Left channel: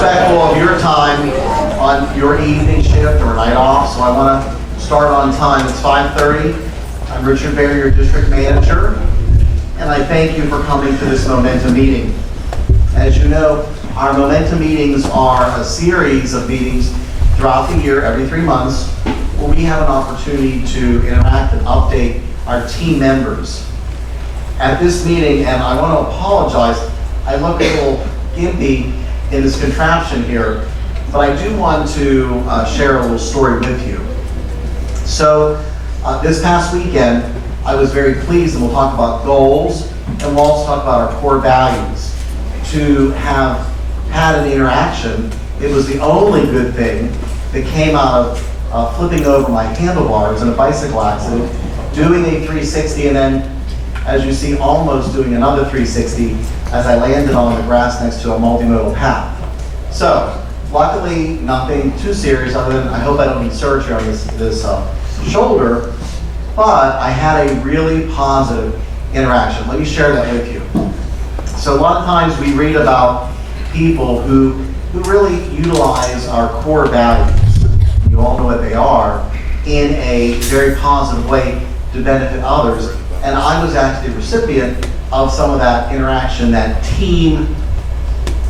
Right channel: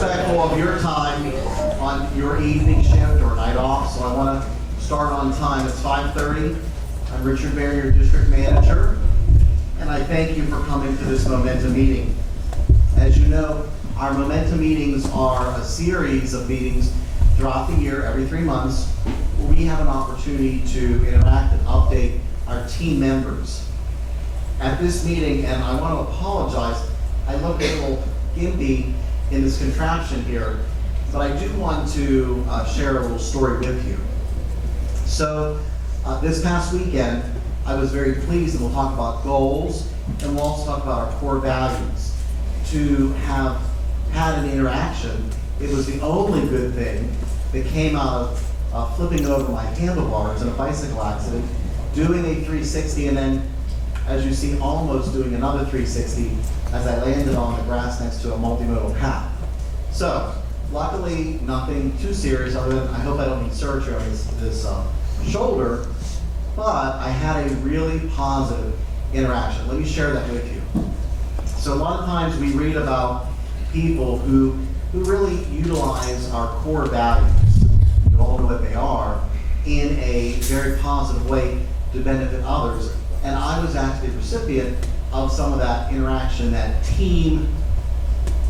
respectful of your time on your evening shift or night off, so I want to start on time. It's 5:30. I'm Richard Baer, your district manager, and I thank you for coming to this Momentum meeting. As you know, our Momentum meetings are a series of meetings throughout the year, every 3 months, where we have an opportunity to interact and update our team members. At this meeting, and I want to apologize, I look a little gimpy in this contraption here, but I do want to share a little story with you. So this past weekend, I was very pleased, and we'll talk about goals, and we'll also talk about our core values, to have had an interaction. It was the only good thing that came out of flipping over my handlebars in a bicycle accident, doing a 360, and then, as you see, almost doing another 360 as I landed on the grass next to a multimodal path. So, luckily, nothing too serious other than I hope I don't need surgery on this shoulder, but I had a really positive interaction. Let me share that with you. So a lot of times we read about people who really utilize our core values, you all know what they are, in a very positive way to benefit others. And I was actually the recipient of some of that interaction, that team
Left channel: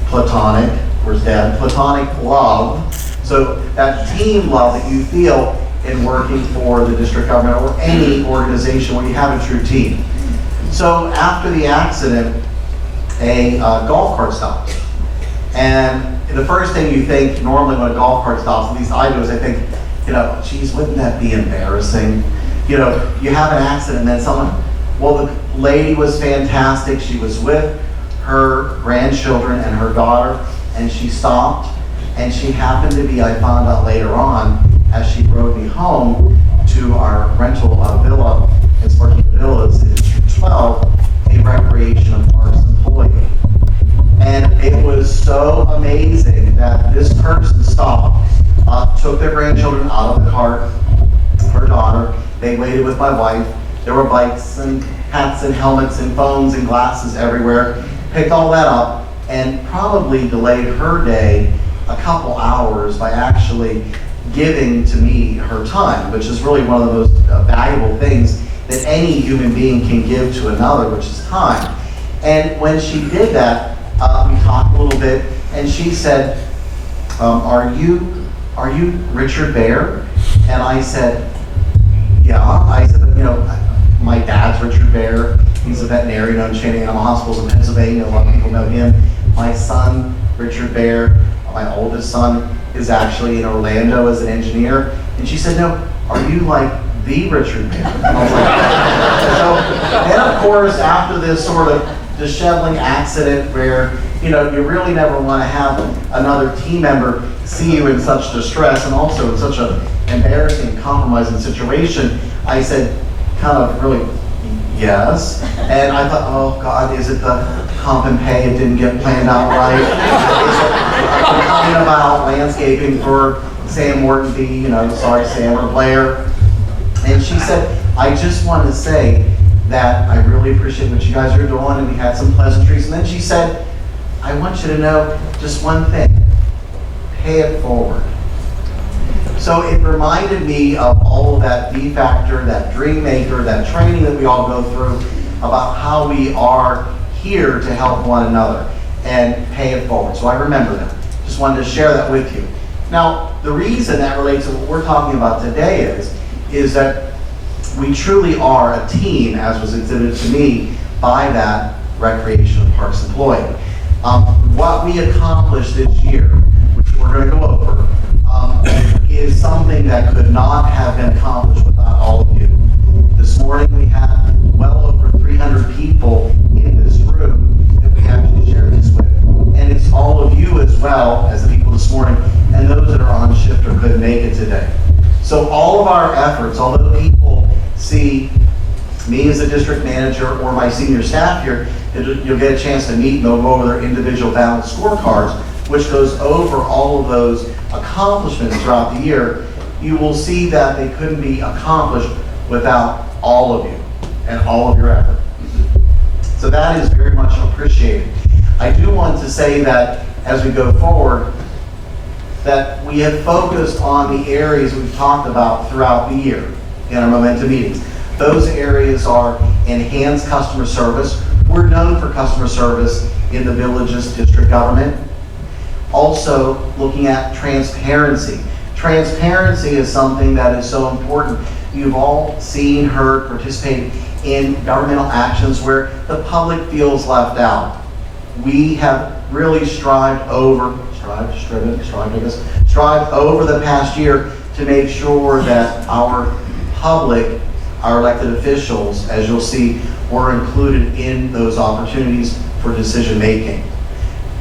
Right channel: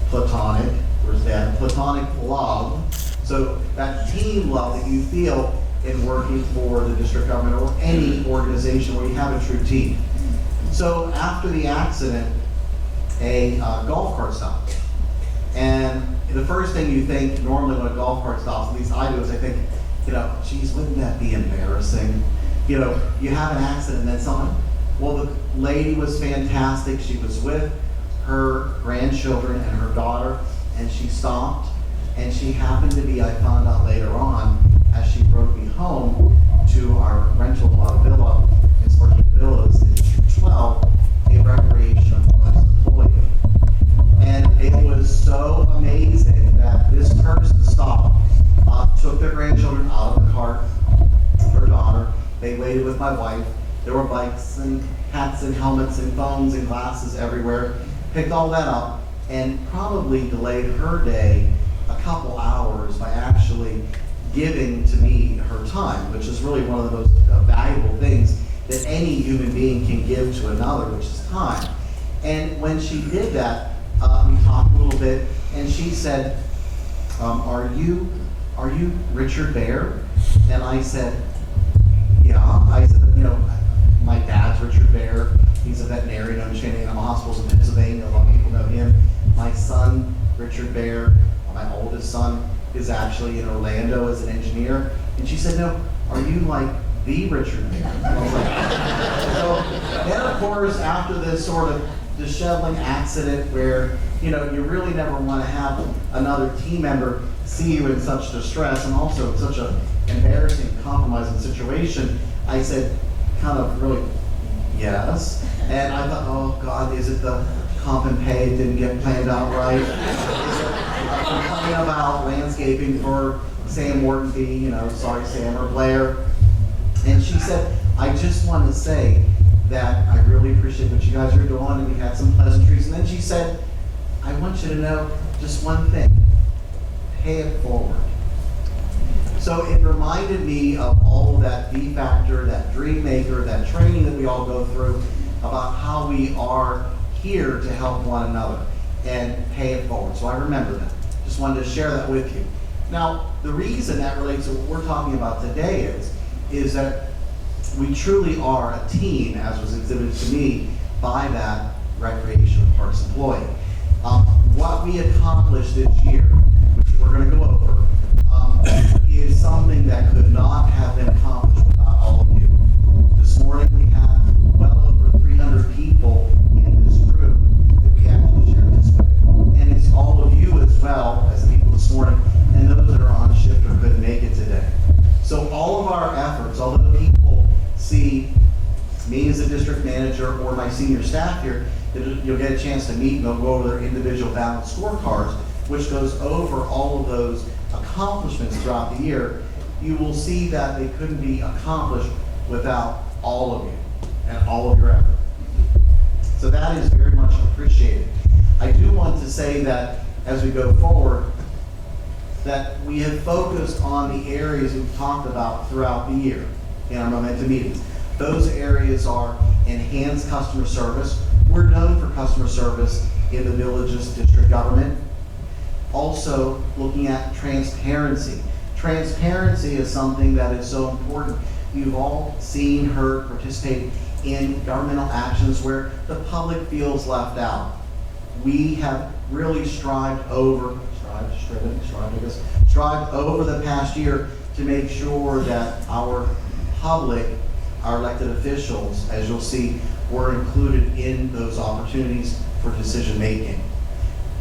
platonic, where's Dad? Platonic love. So that team love that you feel in working for the district government or any organization where you have a true team. So after the accident, a golf cart stopped. And the first thing you think normally when a golf cart stops, at least I do, is I think, geez, wouldn't that be embarrassing? You have an accident and then someone, well, the lady was fantastic. She was with her grandchildren and her daughter, and she stopped, and she happened to be, I found out later on, as she rode me home to our rental villa in Sparky Villas in District 12, a recreation and parks employee. And it was so amazing that this person stopped, took their grandchildren out of the cart, her daughter, they waited with my wife. There were bikes and hats and helmets and phones and glasses everywhere. Picked all that up and probably delayed her day a couple hours by actually giving to me her time, which is really one of the most valuable things that any human being can give to another, which is time. And when she did that, we talked a little bit, and she said, are you Richard Baer? And I said, yeah. I said, my dad's Richard Baer. He's a veterinarian in Shannon Animal Hospitals in Pennsylvania. A lot of people know him. My son, Richard Baer, my oldest son, is actually in Orlando as an engineer. And she said, no, are you like the Richard Baer? And I was like, so, and of course, after this sort of disheveling accident where, you really never want to have another team member see you in such distress and also in such an embarrassing, compromising situation, I said, kind of really, yes. And I thought, oh God, is it the comp and pay? It didn't get planned out right. I'm talking about landscaping for Sam Morton, sorry Sam, or Blair. And she said, I just want to say that I really appreciate what you guys are doing, and we had some pleasantries. And then she said, I want you to know just one thing, pay it forward. So it reminded me of all of that V-Factor, that Dream Maker, that training that we all go through about how we are here to help one another and pay it forward. So I remember that. Just wanted to share that with you. Now, the reason that relates to what we're talking about today is that we truly are a team, as was exhibited to me by that Recreation and Parks employee. What we accomplished this year, which we're going to go over, is something that could not have been accomplished without all of you. This morning we had well over 300 people in this room that we actually share this with. And it's all of you as well as the people this morning and those that are on shift or couldn't make it today. So all of our efforts, although people see me as a district manager or my senior staff here, you'll get a chance to meet and they'll go over their individual balanced scorecards, which goes over all of those accomplishments throughout the year. You will see that they couldn't be accomplished without all of you and all of your effort. So that is very much appreciated. I do want to say that as we go forward, that we have focused on the areas we've talked about throughout the year in our Momentum meetings. Those areas are enhanced customer service. We're known for customer service in the village's district government. Also, looking at transparency. Transparency is something that is so important. You've all seen, heard, participated in governmental actions where the public feels left out. We have really strived over the past year to make sure that our public, our elected officials, as you'll see, were included in those opportunities for decision making.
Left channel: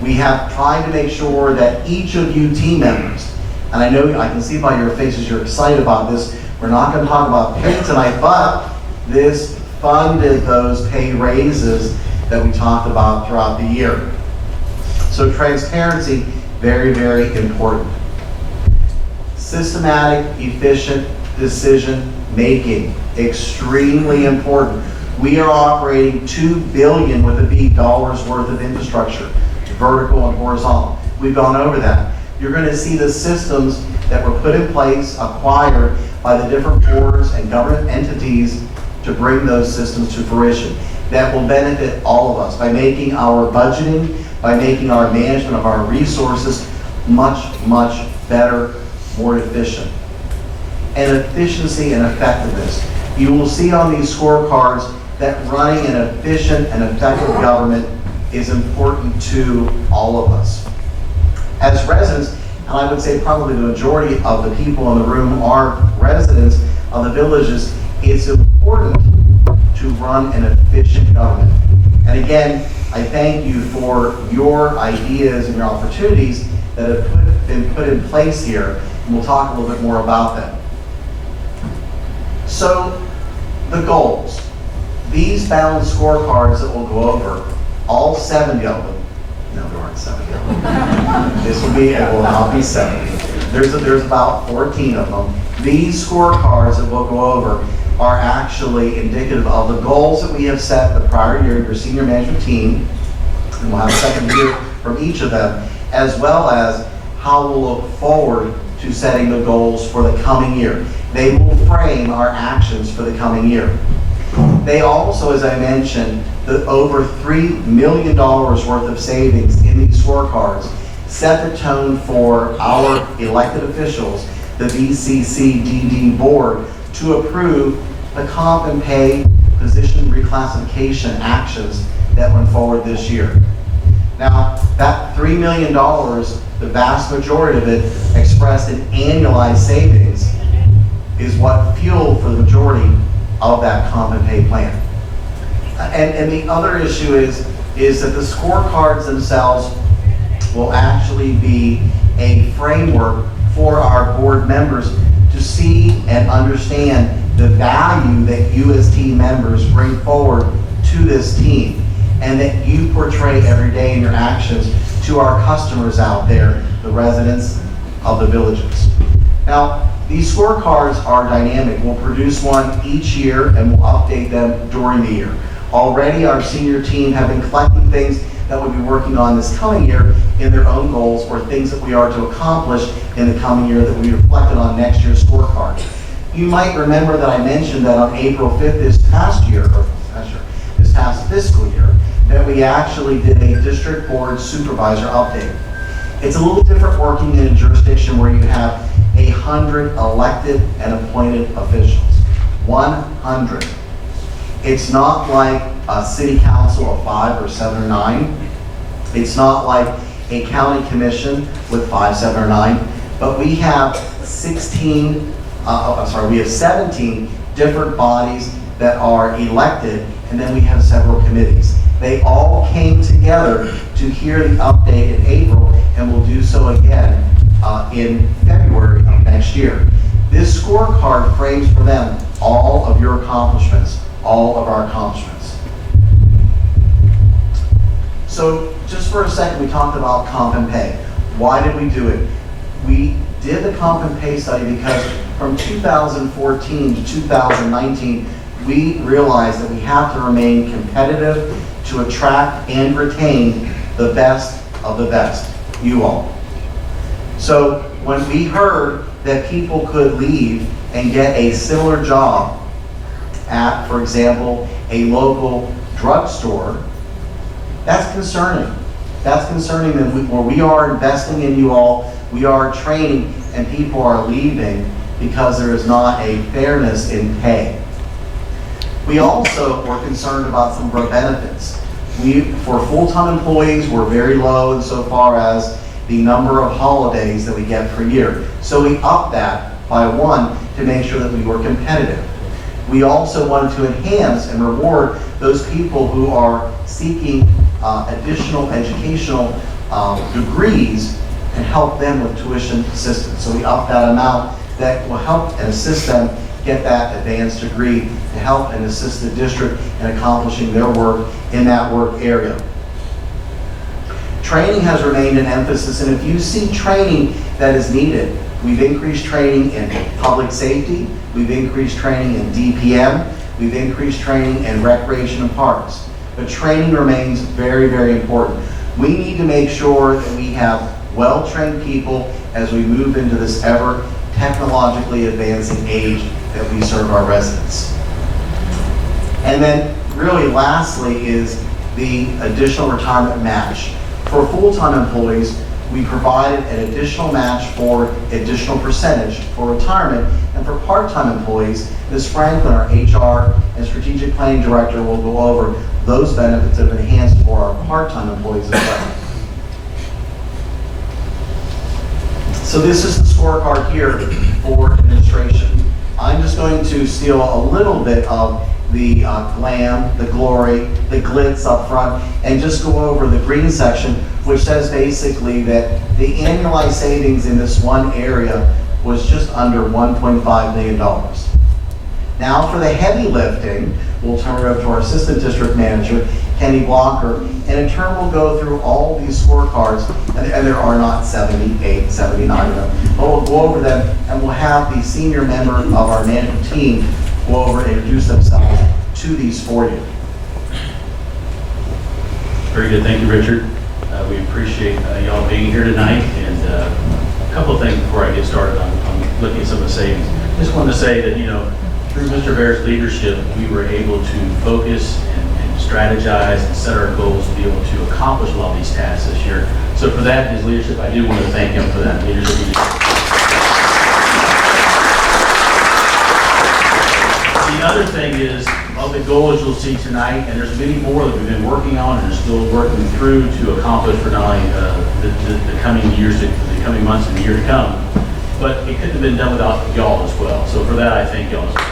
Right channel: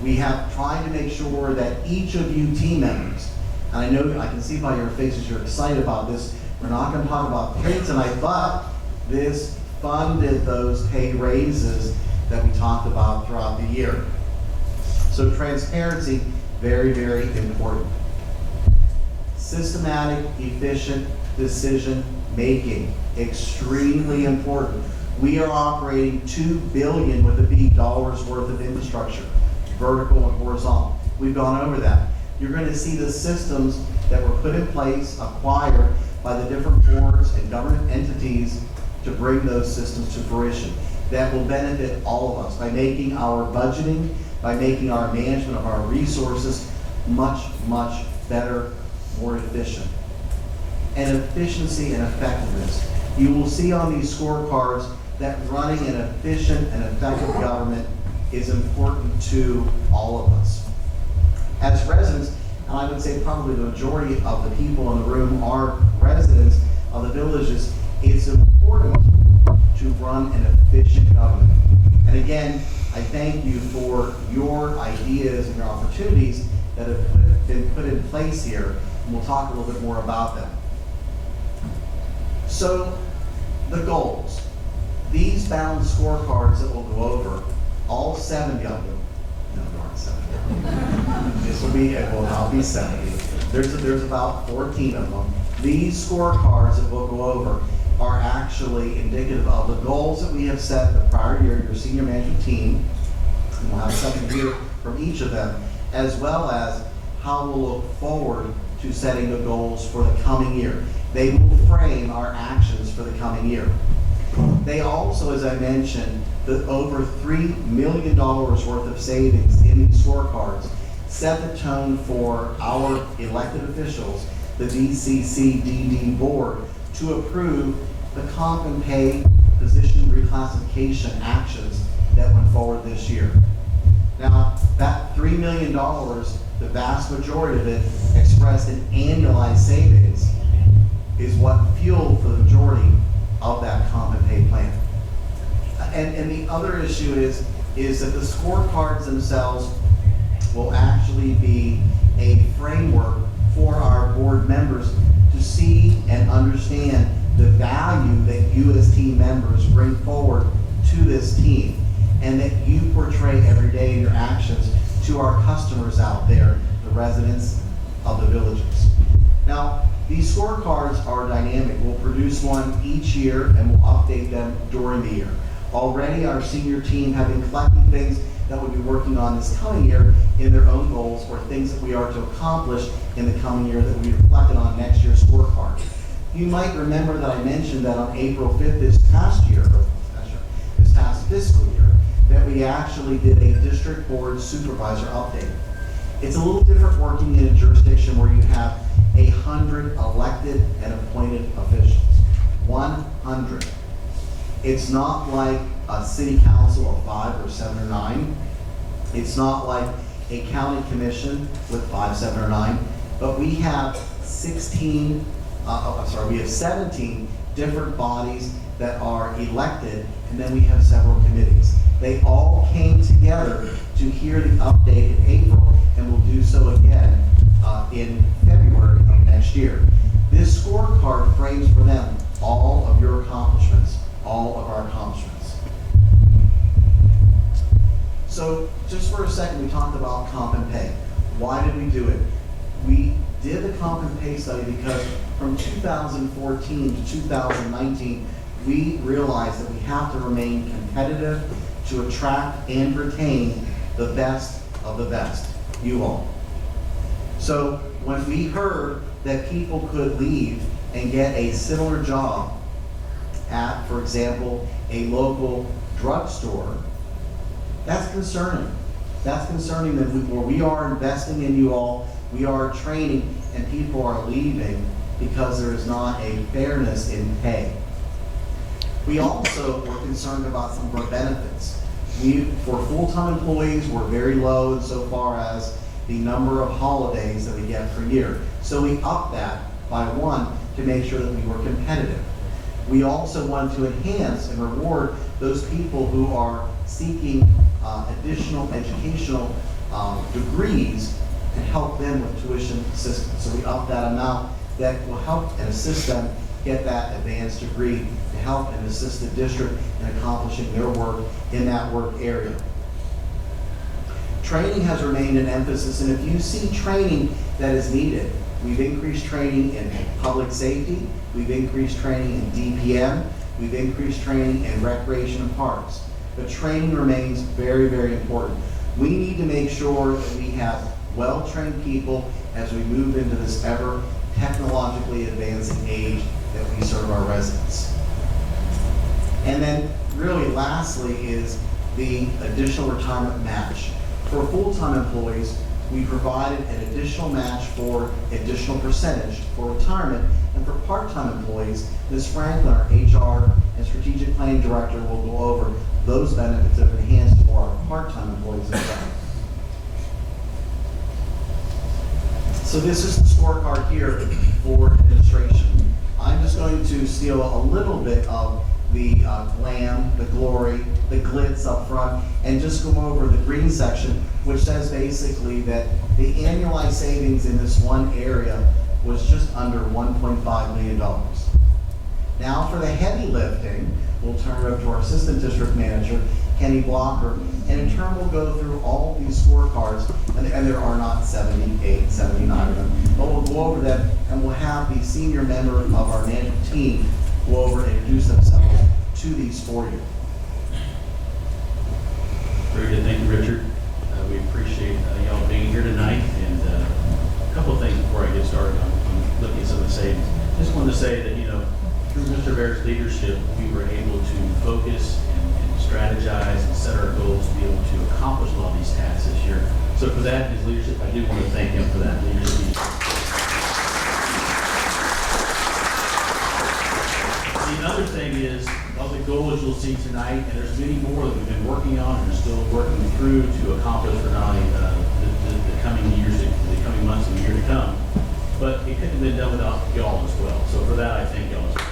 We have tried to make sure that each of you team members, and I know I can see by your faces you're excited about this. We're not going to talk about pay tonight, but this funded those pay raises that we talked about throughout the year. So transparency, very, very important. Systematic, efficient decision making, extremely important. We are operating $2 billion with a B dollars worth of infrastructure, vertical and horizontal. We've gone over that. You're going to see the systems that were put in place, acquired by the different boards and government entities to bring those systems to fruition. That will benefit all of us by making our budgeting, by making our management of our resources much, much better, more efficient. And efficiency and effectiveness. You will see on these scorecards that running an efficient and effective government is important to all of us. As residents, and I would say probably the majority of the people in the room are residents of the villages, it's important to run an efficient government. And again, I thank you for your ideas and your opportunities that have been put in place here, and we'll talk a little bit more about them. So, the goals. These balanced scorecards that we'll go over, all 70 of them, no, there aren't 70 of them. This will be, it will not be 70. There's about 14 of them. These scorecards that we'll go over are actually indicative of the goals that we have set the prior year, your senior management team, and we'll have a second year from each of them, as well as how we'll look forward to setting the goals for the coming year. They will frame our actions for the coming year. They also, as I mentioned, the over $3 million worth of savings in these scorecards set the tone for our elected officials, the VCCDD board, to approve the comp and pay position reclassification actions that went forward this year. Now, that $3 million, the vast majority of it expressed in annualized savings, is what fueled for the majority of that comp and pay plan. And the other issue is that the scorecards themselves will actually be a framework for our board members to see and understand the value that you as team members bring forward to this team, and that you portray every day in your actions to our customers out there, the residents of the villages. Now, these scorecards are dynamic. We'll produce one each year and we'll update them during the year. Already our senior team have been collecting things that we'll be working on this coming year in their own goals, or things that we are to accomplish in the coming year that we reflected on next year's scorecard. You might remember that I mentioned that on April 5th this past fiscal year, that we actually did a district board supervisor update. It's a little different working in a jurisdiction where you have 100 elected and appointed officials. 100. It's not like a city council of 5 or 7 or 9. It's not like a county commission with 5, 7 or 9. But we have 17 different bodies that are elected, and then we have several committees. They all came together to hear the update in April, and will do so again in February of next year. This scorecard frames for them all of your accomplishments, all of our accomplishments. So just for a second, we talked about comp and pay. Why did we do it? We did the comp and pay study because from 2014 to 2019, we realized that we have to remain competitive to attract and retain the best of the best. you all. So when we heard that people could leave and get a similar job at, for example, a local drugstore, that's concerning. That's concerning that where we are investing in you all, we are training, and people are leaving because there is not a fairness in pay. We also were concerned about some of our benefits. For full-time employees, we're very low insofar as the number of holidays that we get per year. So we upped that by one to make sure that we were competitive. We also wanted to enhance and reward those people who are seeking additional educational degrees and help them with tuition assistance. So we upped that amount that will help and assist them get that advanced degree to help and assist the district in accomplishing their work in that work area. Training has remained an emphasis, and if you see training that is needed, we've increased training in public safety, we've increased training in DPM, we've increased training in recreation and parks. But training remains very, very important. We need to make sure that we have well-trained people as we move into this ever technologically advancing age that we serve our residents. And then really lastly is the additional retirement match. For full-time employees, we provided an additional match for additional percentage for retirement, and for part-time employees, Ms. Franklin, our HR and strategic planning director, will go over those benefits that have enhanced for our part-time employees as well. So this is the scorecard here for administration. I'm just going to steal a little bit of the glam, the glory, the glitz up front, and just go over the green section, which says basically that the annualized savings in this one area was just under $1.5 million. Now for the heavy lifting, we'll turn it over to our assistant district manager, Kenny Blocker, and in turn we'll go through all these scorecards, and there are not 78, 79 of them, but we'll go over them, and we'll have the senior member of our management team go over and introduce themselves to these for you. Very good, thank you, Richard. We appreciate y'all being here tonight, and a couple of things before I get started on looking at some of the savings. Just wanted to say that, through Mr. Bear's leadership, we were able to focus and strategize and set our goals to be able to accomplish a lot of these tasks this year. So for that, his leadership, I do want to thank him for that leadership. The other thing is, of the goals you'll see tonight, and there's many more that we've been working on and are still working through to accomplish for not only the coming years, the coming months and the year to come, but it couldn't have been done without y'all as well. So for that, I thank y'all as well.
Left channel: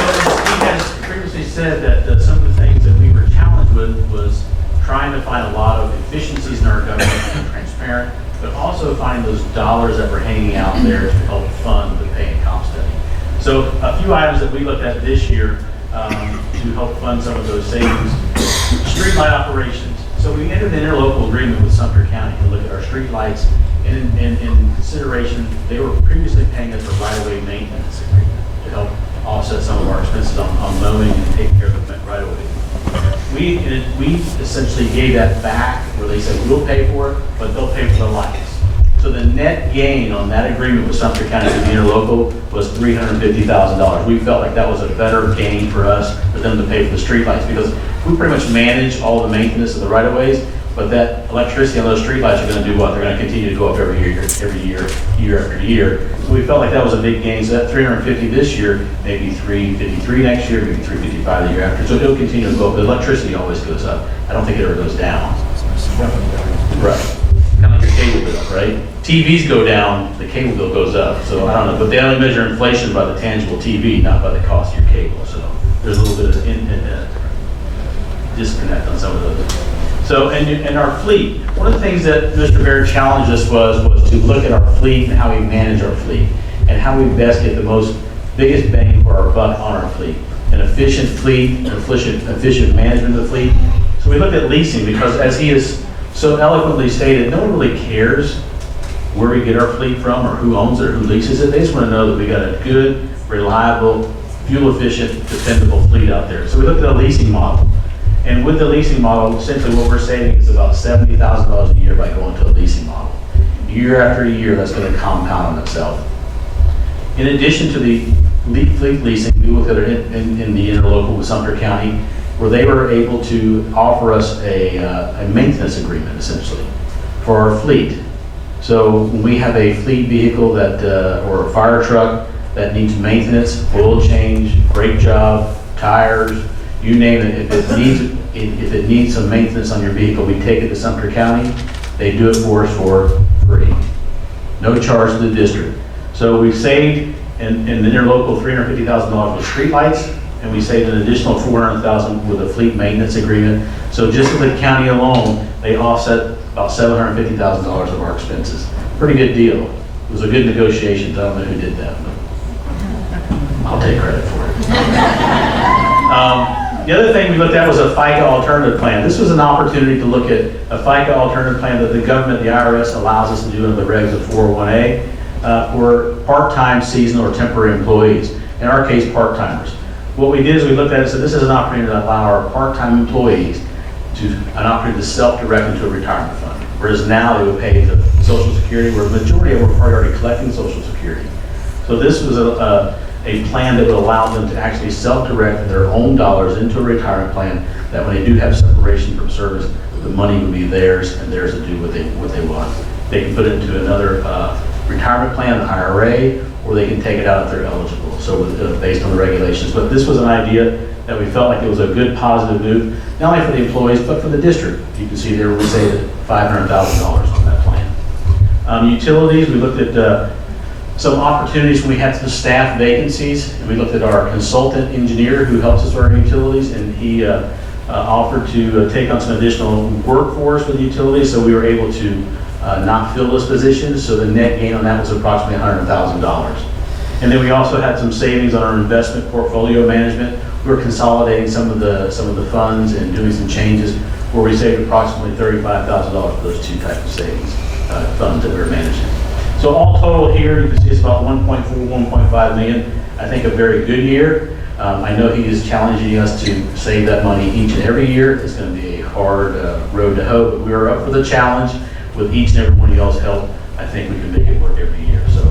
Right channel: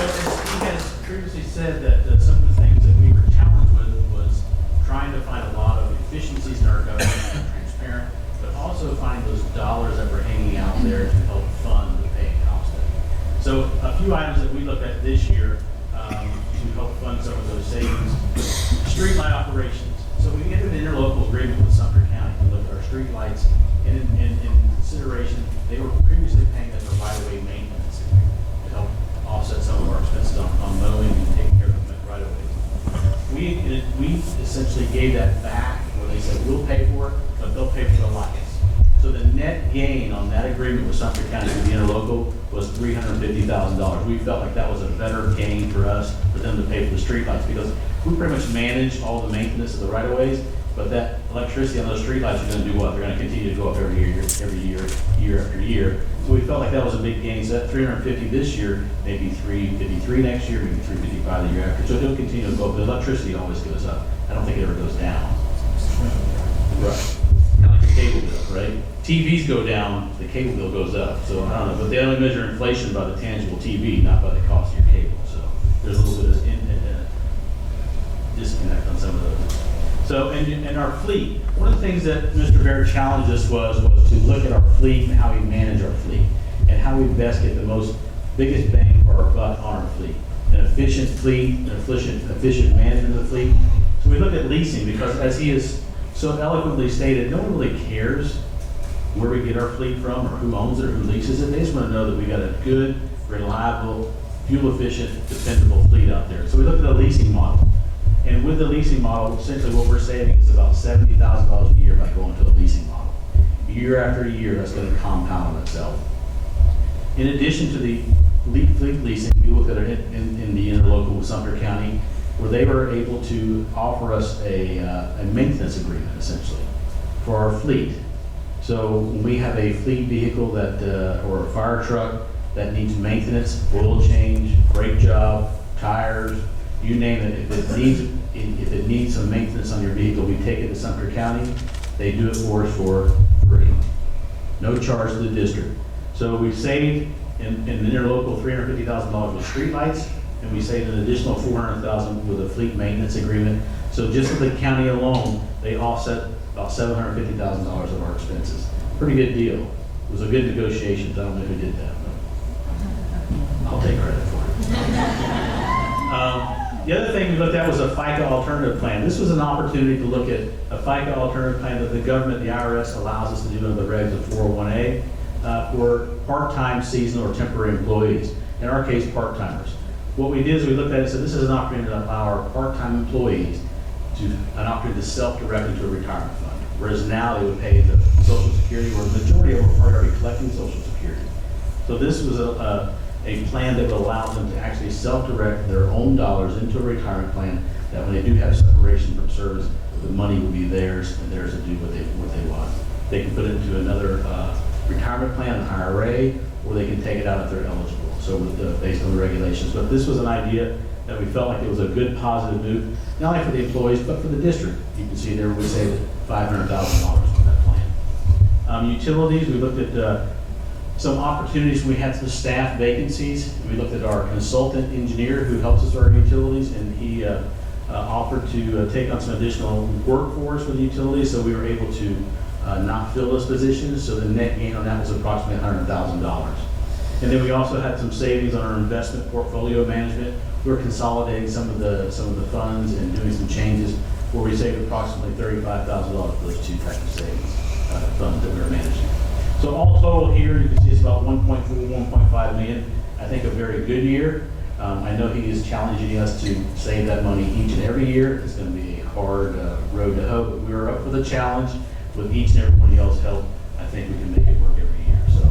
So he has previously said that some of the things that we were challenged with was trying to find a lot of efficiencies in our government and transparent, but also find those dollars that were hanging out there to help fund the pay and comp study. So a few items that we looked at this year to help fund some of those savings. Streetlight operations. So we entered an interlocal agreement with Sumter County to look at our streetlights, and in consideration, they were previously paying us a right-of-way maintenance agreement to help offset some of our expenses on mowing and taking care of the right-of-way. We essentially gave that back, where they said we'll pay for it, but they'll pay for the lights. So the net gain on that agreement with Sumter County to the interlocal was $350,000. We felt like that was a better gain for us, for them to pay for the streetlights, because we pretty much manage all the maintenance of the right-of-ways, but that electricity on those streetlights are going to do what? They're going to continue to go up every year after year. So we felt like that was a big gain. So that $350 this year, maybe $353 next year, maybe $355 the year after. So it'll continue to go up. The electricity always goes up. I don't think it ever goes down. Right. Kind of like your cable bill, right? TVs go down, the cable bill goes up. So I don't know, but they only measure inflation by the tangible TV, not by the cost of your cable. So there's a little bit of disconnect on some of those. So, and our fleet, one of the things that Mr. Bear challenged us was to look at our fleet and how we manage our fleet, and how we best get the biggest bang for our buck on our fleet. An efficient fleet, an efficient management of the fleet. So we looked at leasing, because as he has so eloquently stated, no one really cares where we get our fleet from or who owns it or who leases it. They just want to know that we got a good, reliable, fuel efficient, dependable fleet out there. So we looked at a leasing model. And with the leasing model, essentially what we're saving is about $70,000 a year by going to a leasing model. Year after year, that's going to compound on itself. In addition to the fleet leasing, we looked at it in the interlocal with Sumter County, where they were able to offer us a maintenance agreement, essentially, for our fleet. So when we have a fleet vehicle that, or a fire truck that needs maintenance, oil change, brake job, tires, you name it, if it needs some maintenance on your vehicle, we take it to Sumter County. They do it for us for free. No charge to the district. So we've saved in the interlocal $350,000 with streetlights, and we saved an additional $400,000 with a fleet maintenance agreement. So just with the county alone, they offset about $750,000 of our expenses. Pretty good deal. It was a good negotiation. I don't know who did that, but I'll take credit for it. The other thing we looked at was a FICA alternative plan. This was an opportunity to look at a FICA alternative plan that the government, the IRS, allows us to do under the regs of 401A for part-time, seasonal, or temporary employees. In our case, part-timers. What we did is we looked at it and said this is an opportunity to allow our part-time employees an opportunity to self-direct into a retirement fund. Whereas now they would pay the Social Security, where the majority of them are probably already collecting Social Security. So this was a plan that would allow them to actually self-direct their own dollars into a retirement plan, that when they do have separation from service, the money would be theirs and theirs to do what they want. They can put it into another retirement plan, an IRA, or they can take it out if they're eligible, so based on the regulations. But this was an idea that we felt like it was a good positive move, not only for the employees, but for the district. You can see there we saved $500,000 on that plan. Utilities, we looked at some opportunities when we had some staff vacancies, and we looked at our consultant engineer who helps us with our utilities, and he offered to take on some additional workforce with the utilities, so we were able to not fill those positions, so the net gain on that was approximately $100,000. And then we also had some savings on our investment portfolio management. We were consolidating some of the funds and doing some changes where we saved approximately $35,000 for those two types of savings funds that we were managing. So all total here, you can see it's about 1.4, 1.5 million. I think a very good year. I know he is challenging us to save that money each and every year. It's going to be a hard road to hoe, but we are up for the challenge. With each and every one of y'all's help, I think we can make it work every year. So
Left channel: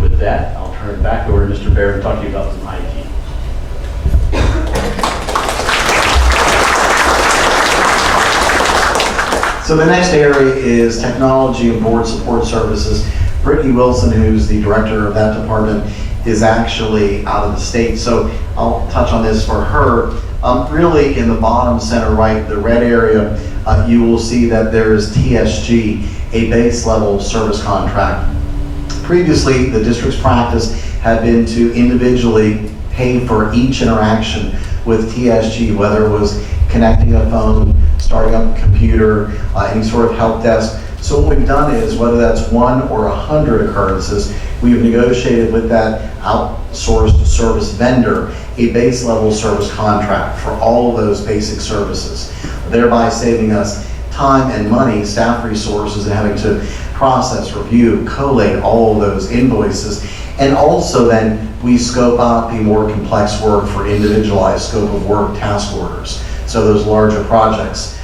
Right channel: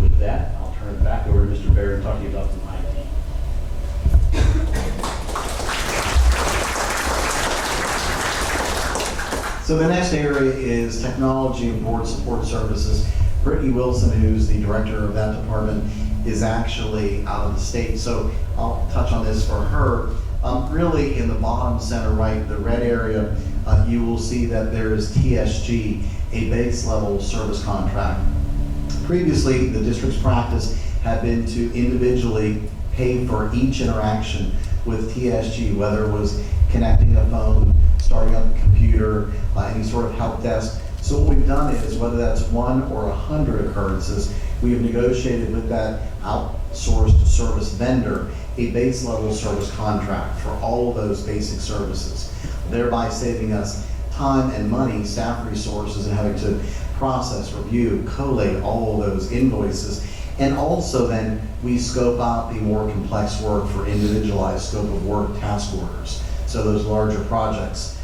with that, I'll turn it back over to Mr. Baird and talk to you about some IT. So the next area is technology and board support services. Brittany Wilson, who's the director of that department, is actually out of the state. So I'll touch on this for her. Really in the bottom center right, the red area, you will see that there is TSG, a base level service contract. Previously, the district's practice had been to individually pay for each interaction with TSG, whether it was connecting a phone, starting up a computer, any sort of help desk. So what we've done is, whether that's 1 or 100 occurrences, we've negotiated with that outsourced service vendor a base level service contract for all of those basic services, thereby saving us time and money, staff resources, and having to process, review, collate all of those invoices. And also then we scope out the more complex work for individualized scope of work task orders, so those larger projects.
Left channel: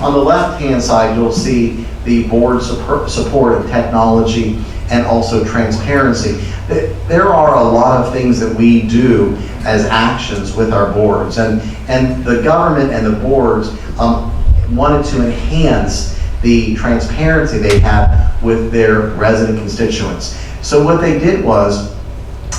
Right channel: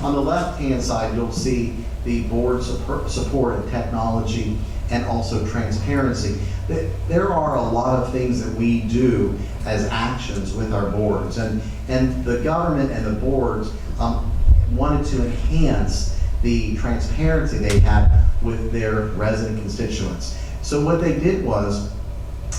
On the left-hand side, you'll see the board support and technology and also transparency. There are a lot of things that we do as actions with our boards, and the government and the boards wanted to enhance the transparency they had with their resident constituents. So what they did was,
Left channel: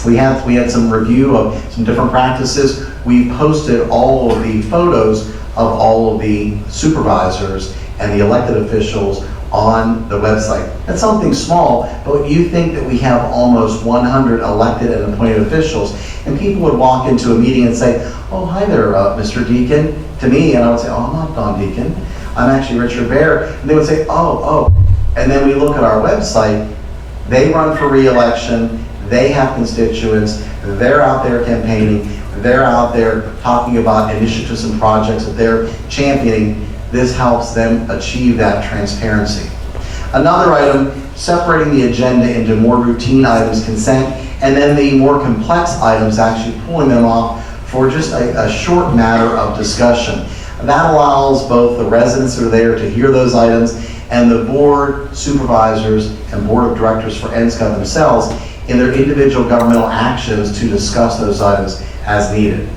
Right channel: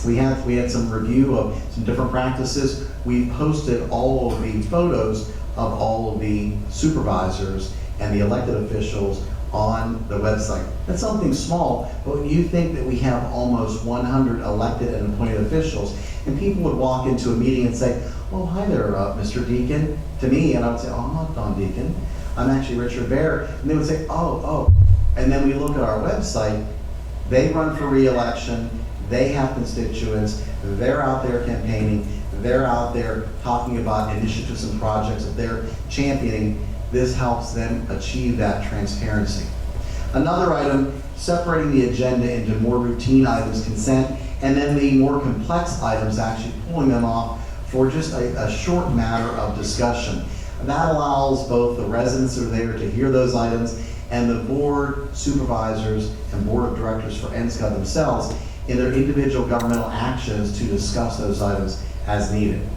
we had some review of some different practices. We posted all of the photos of all of the supervisors and the elected officials on the website. That's something small, but you think that we have almost 100 elected and appointed officials, and people would walk into a meeting and say, "Oh, hi there, Mr. Deacon," to me, and I would say, "Oh, I'm not Don Deacon, I'm actually Richard Baird," and they would say, "Oh," and then we look at our website, they run for re-election, they have constituents, they're out there campaigning, they're out there talking about initiatives and projects that they're championing. This helps them achieve that transparency. Another item, separating the agenda into more routine items, consent, and then the more complex items, actually pulling them off for just a short matter of discussion. That allows both the residents that are there to hear those items and the board supervisors and board of directors for NSCOT themselves in their individual governmental actions to discuss those items as needed.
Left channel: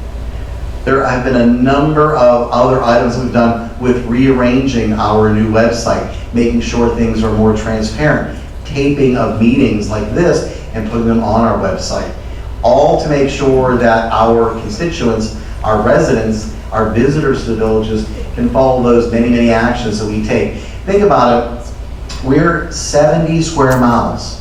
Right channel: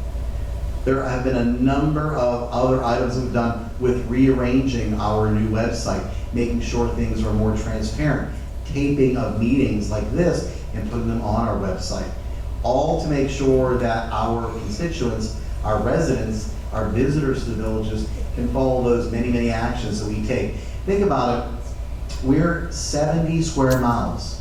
There have been a number of other items we've done with rearranging our new website, making sure things are more transparent, taping of meetings like this and putting them on our website, all to make sure that our constituents, our residents, our visitors to the villages can follow those many, many actions that we take. Think about it, we're 70 square miles.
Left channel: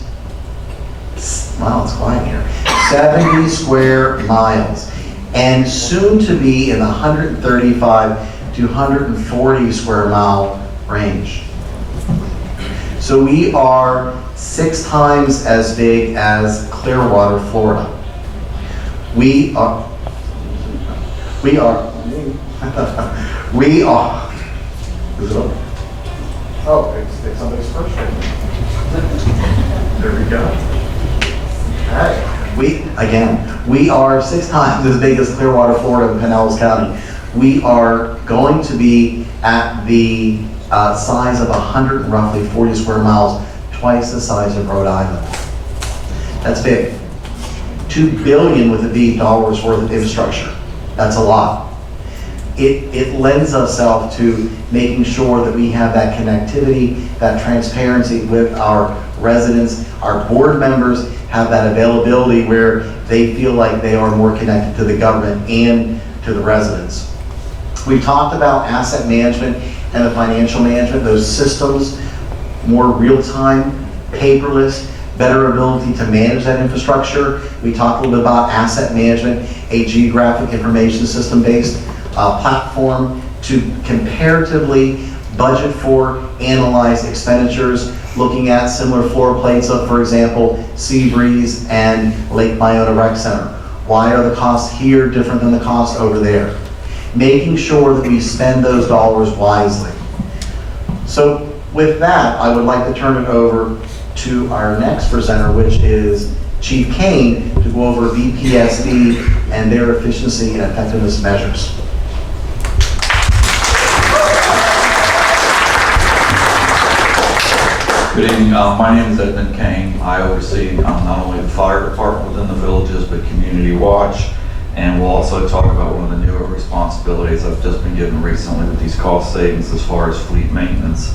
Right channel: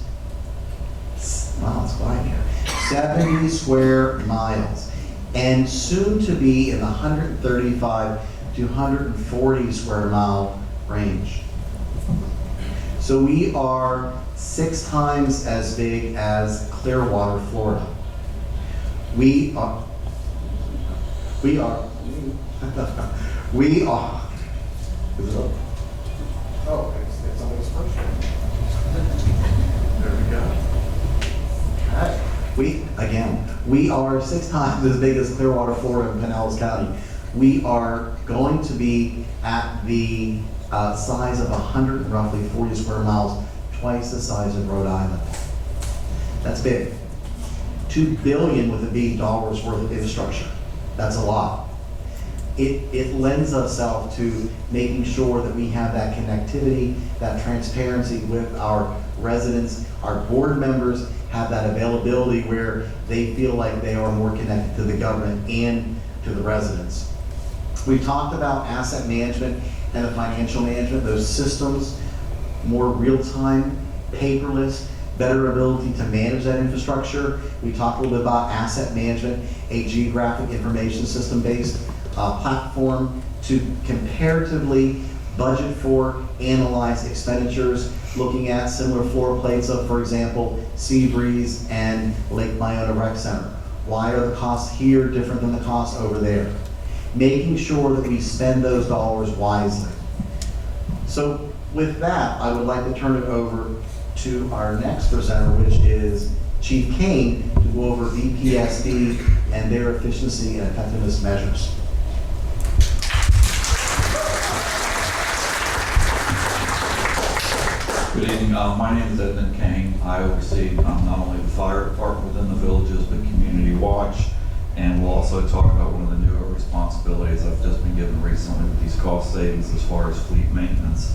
Wow, it's quiet here. 70 square miles. And soon to be in the 135 to 140 square mile range. So we are 6 times as big as Clearwater, Florida. We are, is it up? Oh, it's somebody's first right. There we go. Hey. We are 6 times as big as Clearwater, Florida, and Pinellas County. We are going to be at the size of roughly 40 square miles, twice the size of Rhode Island. That's big. $2 billion with a B dollars worth of infrastructure. That's a lot. It lends itself to making sure that we have that connectivity, that transparency with our residents. Our board members have that availability where they feel like they are more connected to the government and to the residents. We talked about asset management and the financial management, those systems, more real-time, paperless, better ability to manage that infrastructure. We talked a little bit about asset management, a geographic information system based platform to comparatively budget for, analyze expenditures, looking at similar floor plates of, for example, Seabreeze and Lake Myona Rec Center. Why are the costs here different than the costs over there? Making sure that we spend those dollars wisely. So with that, I would like to turn it over to our next presenter, which is Chief Kane, to go over BPSD and their efficiency and effectiveness measures. Good evening. My name is Edmund Kane. I oversee not only the fire department within the villages, but Community Watch. And we'll also talk about one of the newer responsibilities I've just been given recently with these cost savings as far as fleet maintenance.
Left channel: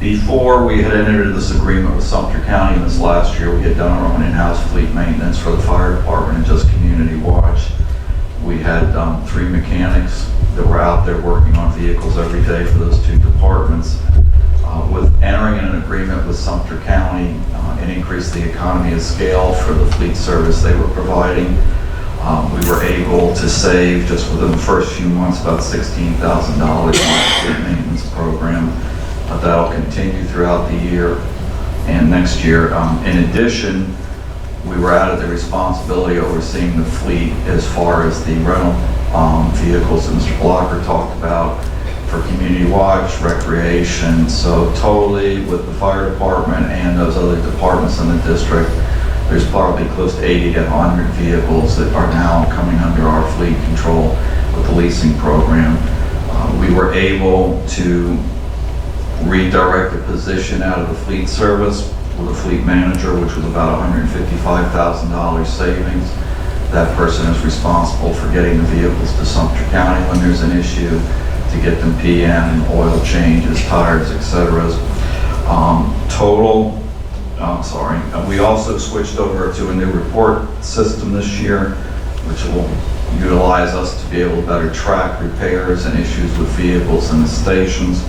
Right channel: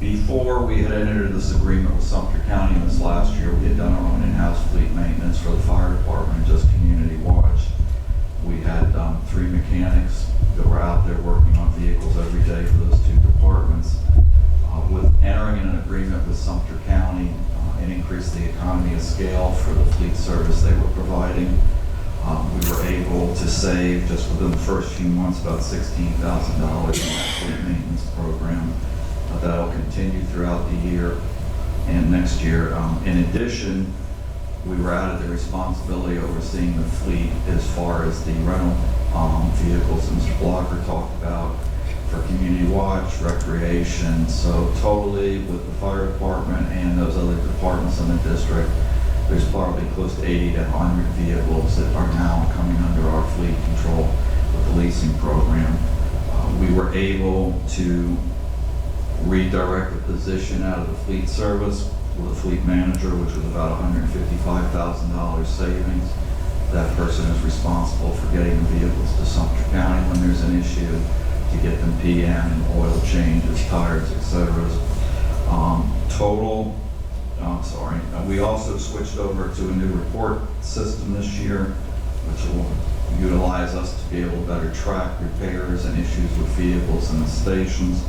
Before we had entered into this agreement with Sumter County in this last year, we had done our own in-house fleet maintenance for the fire department and just Community Watch. We had 3 mechanics that were out there working on vehicles every day for those 2 departments. With entering in an agreement with Sumter County, it increased the economy of scale for the fleet service they were providing. We were able to save, just within the first few months, about $16,000 on the fleet maintenance program. That'll continue throughout the year and next year. In addition, we were added the responsibility of overseeing the fleet as far as the rental vehicles that Mr. Blocker talked about for Community Watch, recreation. So totally with the fire department and those other departments in the district, there's probably close to 80 to 100 vehicles that are now coming under our fleet control with the leasing program. We were able to redirect a position out of the fleet service with a fleet manager, which was about $155,000 savings. That person is responsible for getting the vehicles to Sumter County when there's an issue, to get them PM, oil changes, tires, etc. We also switched over to a new report system this year, which will utilize us to be able to better track repairs and issues with vehicles in the stations.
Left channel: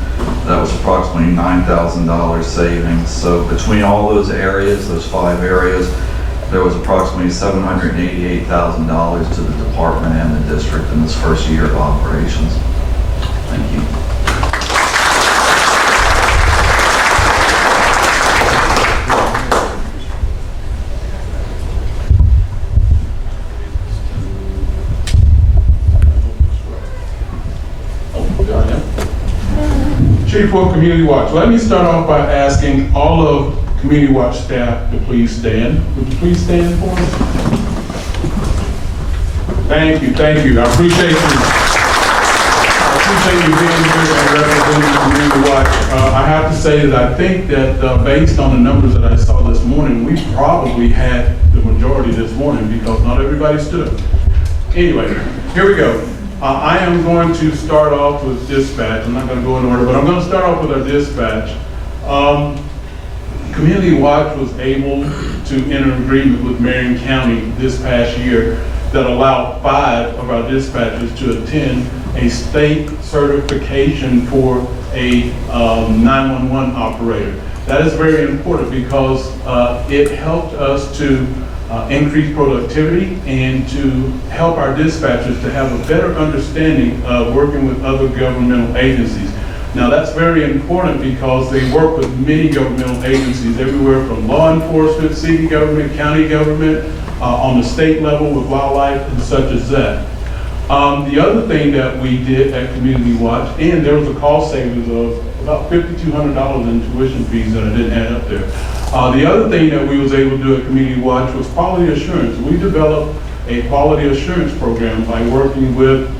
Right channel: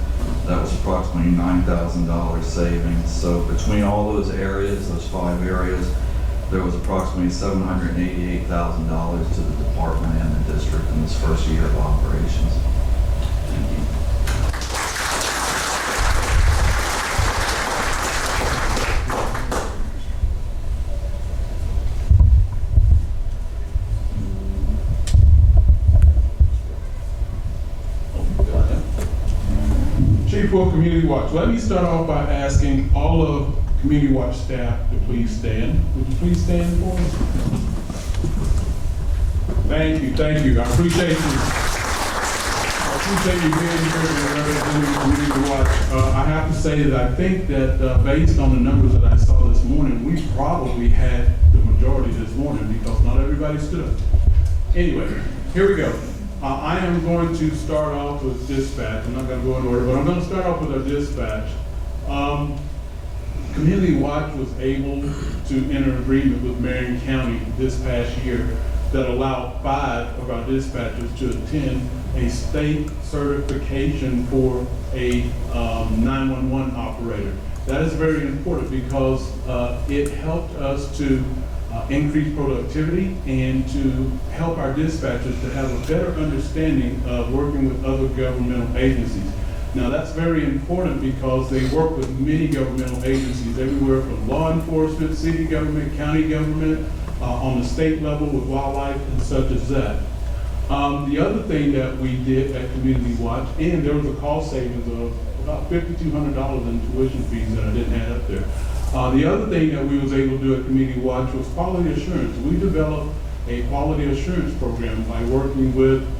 That was approximately $9,000 savings. So between all those areas, those 5 areas, there was approximately $788,000 to the department and the district in this first year of operations. Thank you. Chief of Community Watch, let me start off by asking all of Community Watch staff to please stand. Would you please stand for us? Thank you, I appreciate you. appreciate you being here and representing Community Watch. I have to say that I think that based on the numbers that I saw this morning, we probably had the majority this morning because not everybody stood up. Anyway, here we go. I am going to start off with dispatch. I'm not going to go in order, but I'm going to start off with our dispatch. Community Watch was able to enter an agreement with Marion County this past year that allowed 5 of our dispatchers to attend a state certification for a 911 operator. That is very important because it helped us to increase productivity and to help our dispatchers to have a better understanding of working with other governmental agencies. Now that's very important because they work with many governmental agencies everywhere from law enforcement, city government, county government, on the state level with wildlife and such as that. The other thing that we did at Community Watch, and there was a cost savings of about $5,200 in tuition fees that I didn't add up there. The other thing that we was able to do at Community Watch was quality assurance. We developed a quality assurance program by working with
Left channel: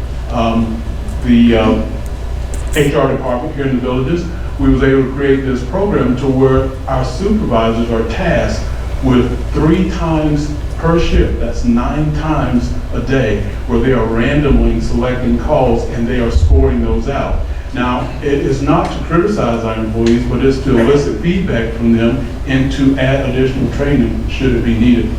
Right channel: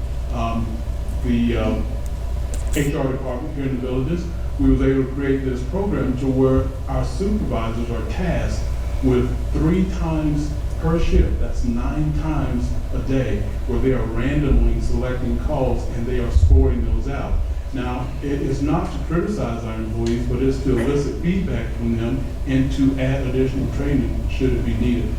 the HR department here in the villages. We was able to create this program to where our supervisors are tasked with 3 times per shift, that's 9 times a day, where they are randomly selecting calls and they are scoring those out. Now, it is not to criticize our employees, but it's to elicit feedback from them and to add additional training should it be needed.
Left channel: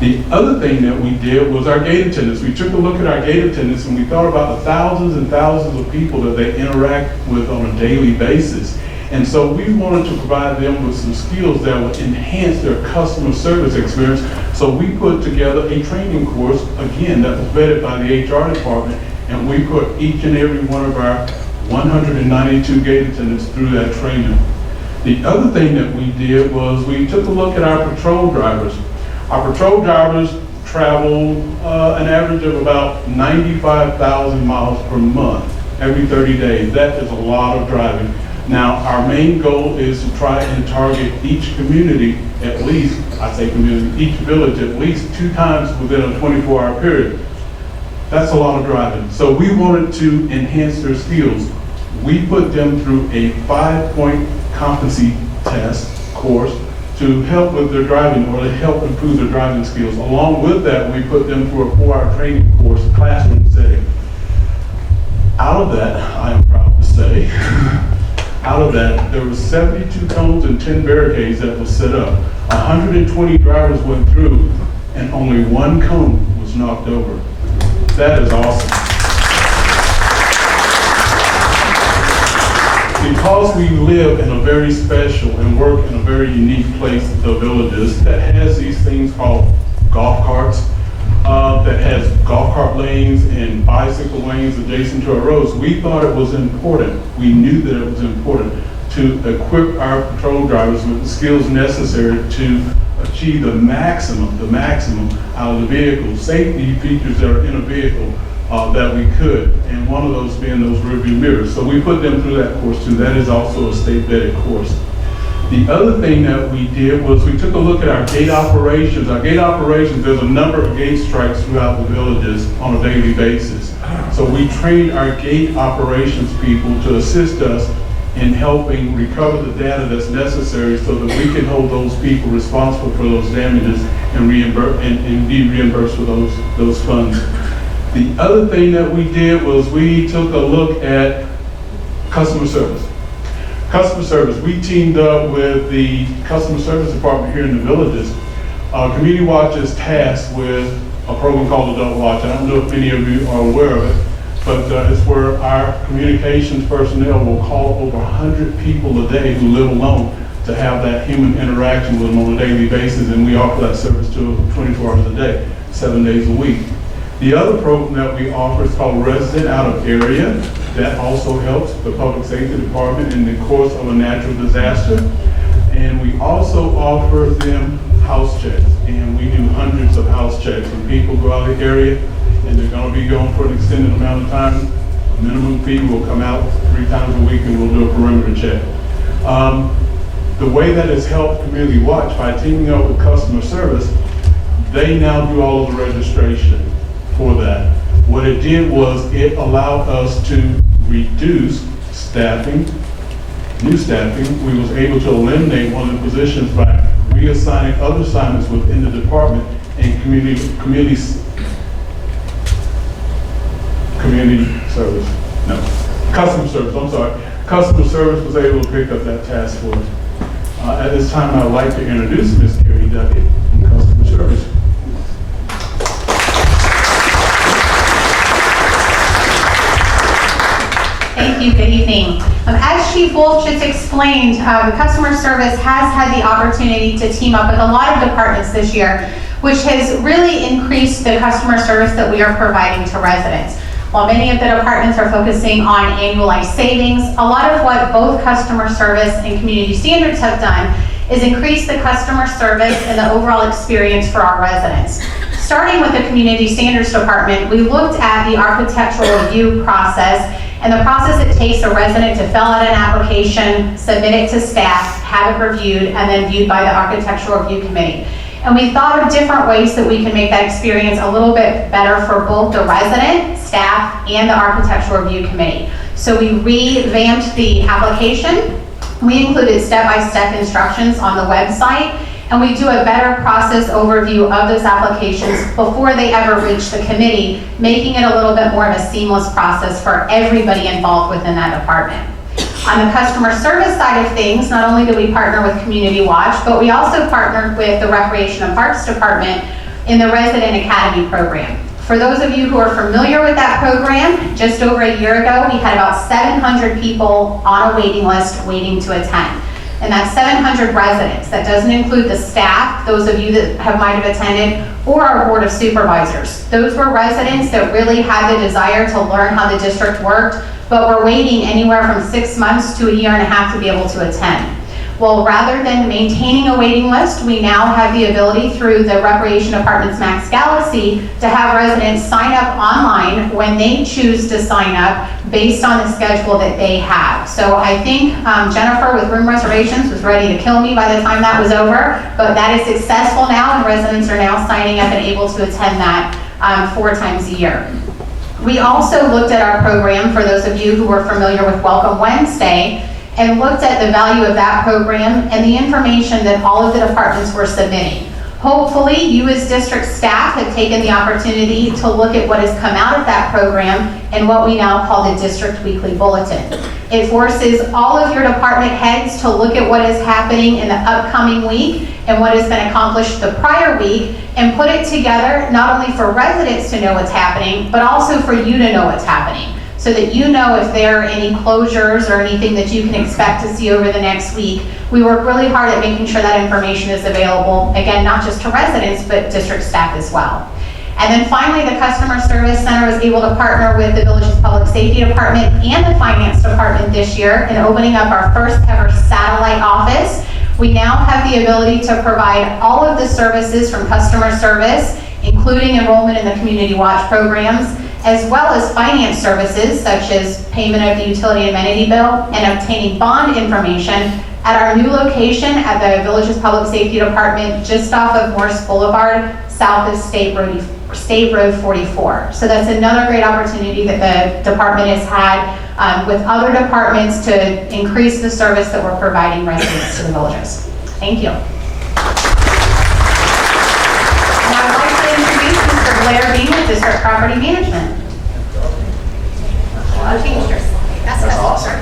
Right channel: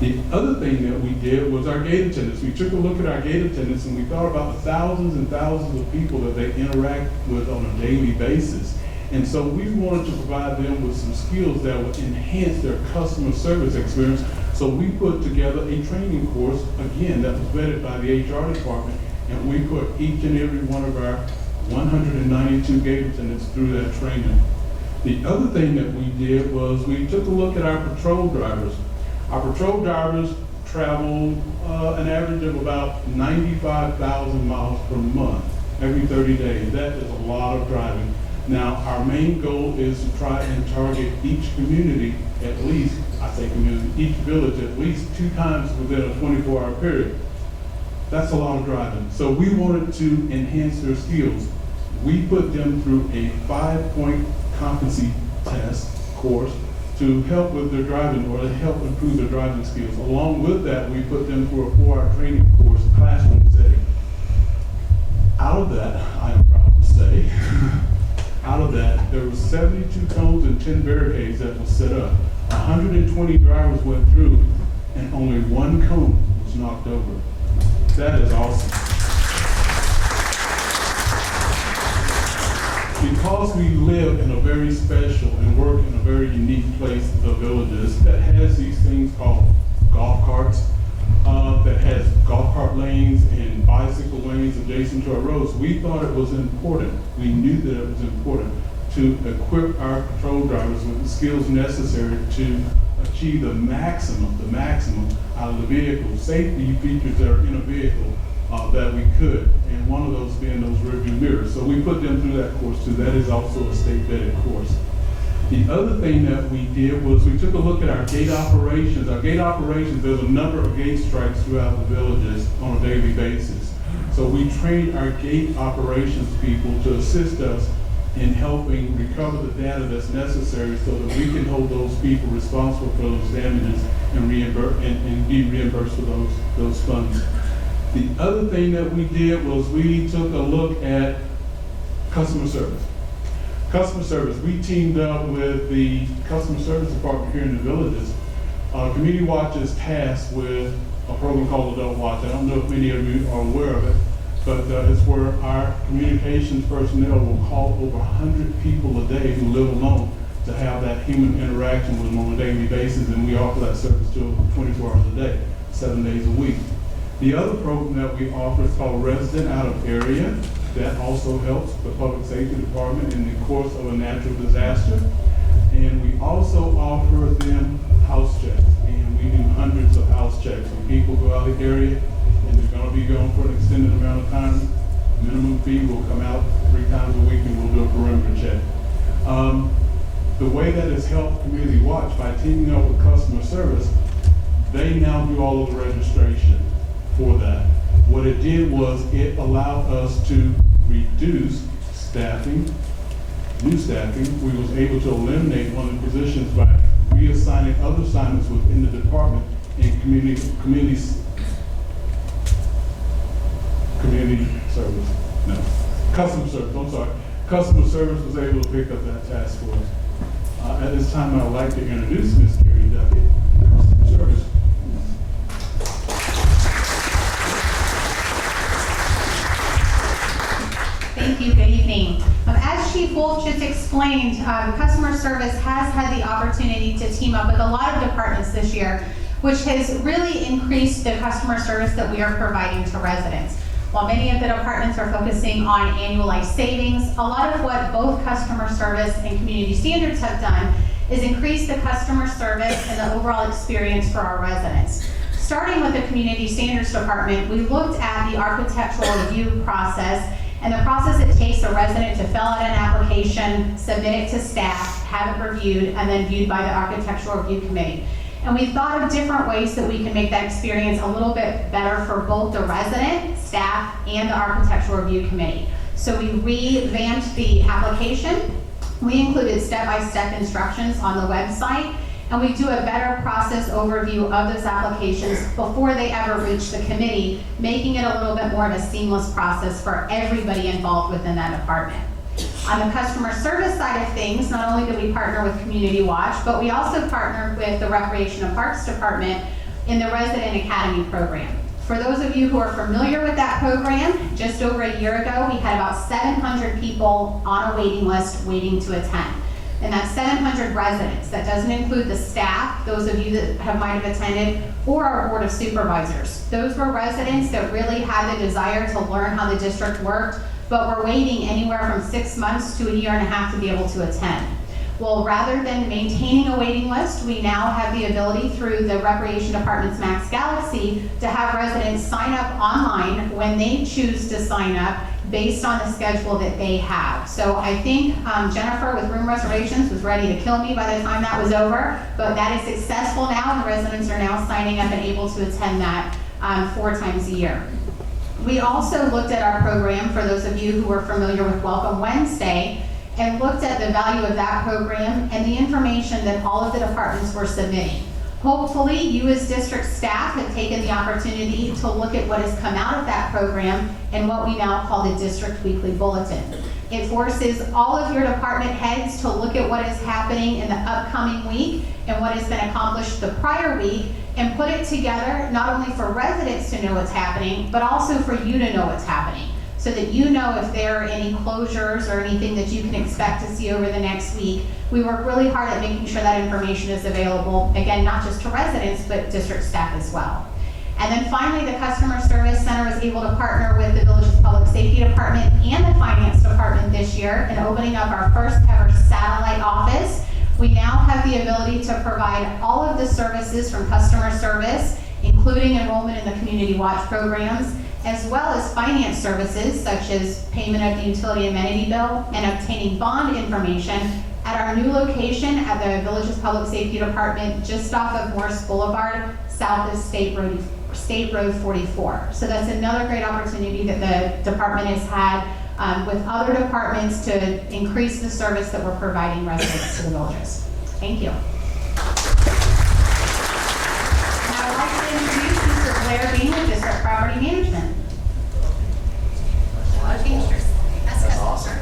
The other thing that we did was our gate attendants. We took a look at our gate attendants and we thought about the thousands and thousands of people that they interact with on a daily basis. And so we wanted to provide them with some skills that would enhance their customer service experience. So we put together a training course, again, that was vetted by the HR department, and we put each and every one of our 192 gate attendants through that training. The other thing that we did was we took a look at our patrol drivers. Our patrol drivers travel an average of about 95,000 miles per month, every 30 days. That is a lot of driving. Now, our main goal is to try and target each community at least, I say community, each village at least 2 times within a 24-hour period. That's a lot of driving. So we wanted to enhance their skills. We put them through a 5-point competency test course to help with their driving or to help improve their driving skills. Along with that, we put them through a 4-hour training course, classroom setting. Out of that, I am proud to say, out of that, there was 72 cones and 10 barricades that was set up. 120 drivers went through and only 1 cone was knocked over. That is awesome. Because we live in a very special and work in a very unique place, the villages, that has these things called golf carts, that has golf cart lanes and bicycle lanes adjacent to our roads, we thought it was important, we knew that it was important to equip our patrol drivers with the skills necessary to achieve the maximum out of the vehicle, safety features that are in a vehicle that we could, and one of those being those rear view mirrors. So we put them through that course too. That is also a state vetted course. The other thing that we did was we took a look at our gate operations. Our gate operations, there's a number of gate strikes throughout the villages on a daily basis. So we trained our gate operations people to assist us in helping recover the data that's necessary so that we can hold those people responsible for those damages and be reimbursed for those funds. The other thing that we did was we took a look at customer service. Customer service, we teamed up with the customer service department here in the villages. Community Watch is tasked with a program called Adult Watch. I don't know if many of you are aware of it, but it's where our communications personnel will call over 100 people a day who live alone to have that human interaction with them on a daily basis, and we offer that service to them 24 hours a day, 7 days a week. The other program that we offer is called Resident Out of Area. That also helps the public safety department in the course of a natural disaster. And we also offer them house checks, and we do hundreds of house checks. When people go out of the area and they're going to be gone for an extended amount of time, a minimum fee will come out 3 times a week and we'll do a perimeter check. The way that has helped Community Watch by teaming up with customer service, they now do all of the registration for that. What it did was it allowed us to reduce new staffing, we was able to eliminate one of the positions by reassigning other assignments within the department and community service, no, customer service, I'm sorry. Customer service was able to pick up that task for us. At this time, I'd like to introduce Ms. Carrie Duckett in customer service. Thank you, good evening. As Chief Wolf just explained, customer service has had the opportunity to team up with a lot of departments this year, which has really increased the customer service that we are providing to residents. While many of the departments are focusing on annualized savings, a lot of what both customer service and community standards have done is increase the customer service and the overall experience for our residents. Starting with the community standards department, we looked at the architectural review process and the process it takes a resident to fill out an application, submit it to staff, have it reviewed, and then viewed by the architectural review committee. And we thought of different ways that we can make that experience a little bit better for both the resident, staff, and the architectural review committee. So we revamped the application. We included step-by-step instructions on the website, and we do a better process overview of those applications before they ever reach the committee, making it a little bit more of a seamless process for everybody involved within that department. On the customer service side of things, not only do we partner with Community Watch, but we also partnered with the Recreation and Parks Department in the Resident Academy program. For those of you who are familiar with that program, just over a year ago, we had about 700 people on a waiting list waiting to attend. And that's 700 residents. That doesn't include the staff, those of you that might have attended, or our board of supervisors. Those were residents that really had the desire to learn how the district worked, but were waiting anywhere from 6 months to a year and a half to be able to attend. Well, rather than maintaining a waiting list, we now have the ability through the Recreation Department's Max Galaxy to have residents sign up online when they choose to sign up based on the schedule that they have. So I think Jennifer with room reservations was ready to kill me by the time that was over, but that is successful now and residents are now signing up and able to attend that 4 times a year. We also looked at our program, for those of you who were familiar with Welcome Wednesday, and looked at the value of that program and the information that all of the departments were submitting. Hopefully, you as district staff have taken the opportunity to look at what has come out of that program and what we now call the District Weekly Bulletin. It forces all of your department heads to look at what is happening in the upcoming week and what has been accomplished the prior week and put it together not only for residents to know what's happening, but also for you to know what's happening, so that you know if there are any closures or anything that you can expect to see over the next week. We work really hard at making sure that information is available, again, not just to residents, but district staff as well. And then finally, the Customer Service Center was able to partner with the Village's Public Safety Department and the Finance Department this year in opening up our first ever satellite office. We now have the ability to provide all of the services from customer service, including enrollment in the Community Watch programs, as well as finance services such as payment of the utility amenity bill and obtaining bond information at our new location at the Village's Public Safety Department just off of Morse Boulevard, south of State Road 44. So that's another great opportunity that the department has had with other departments to increase the service that we're providing residents to the villages. Thank you. And I would like to introduce Mr. Blair Bean with District Property Management. A lot of change here. That's awesome.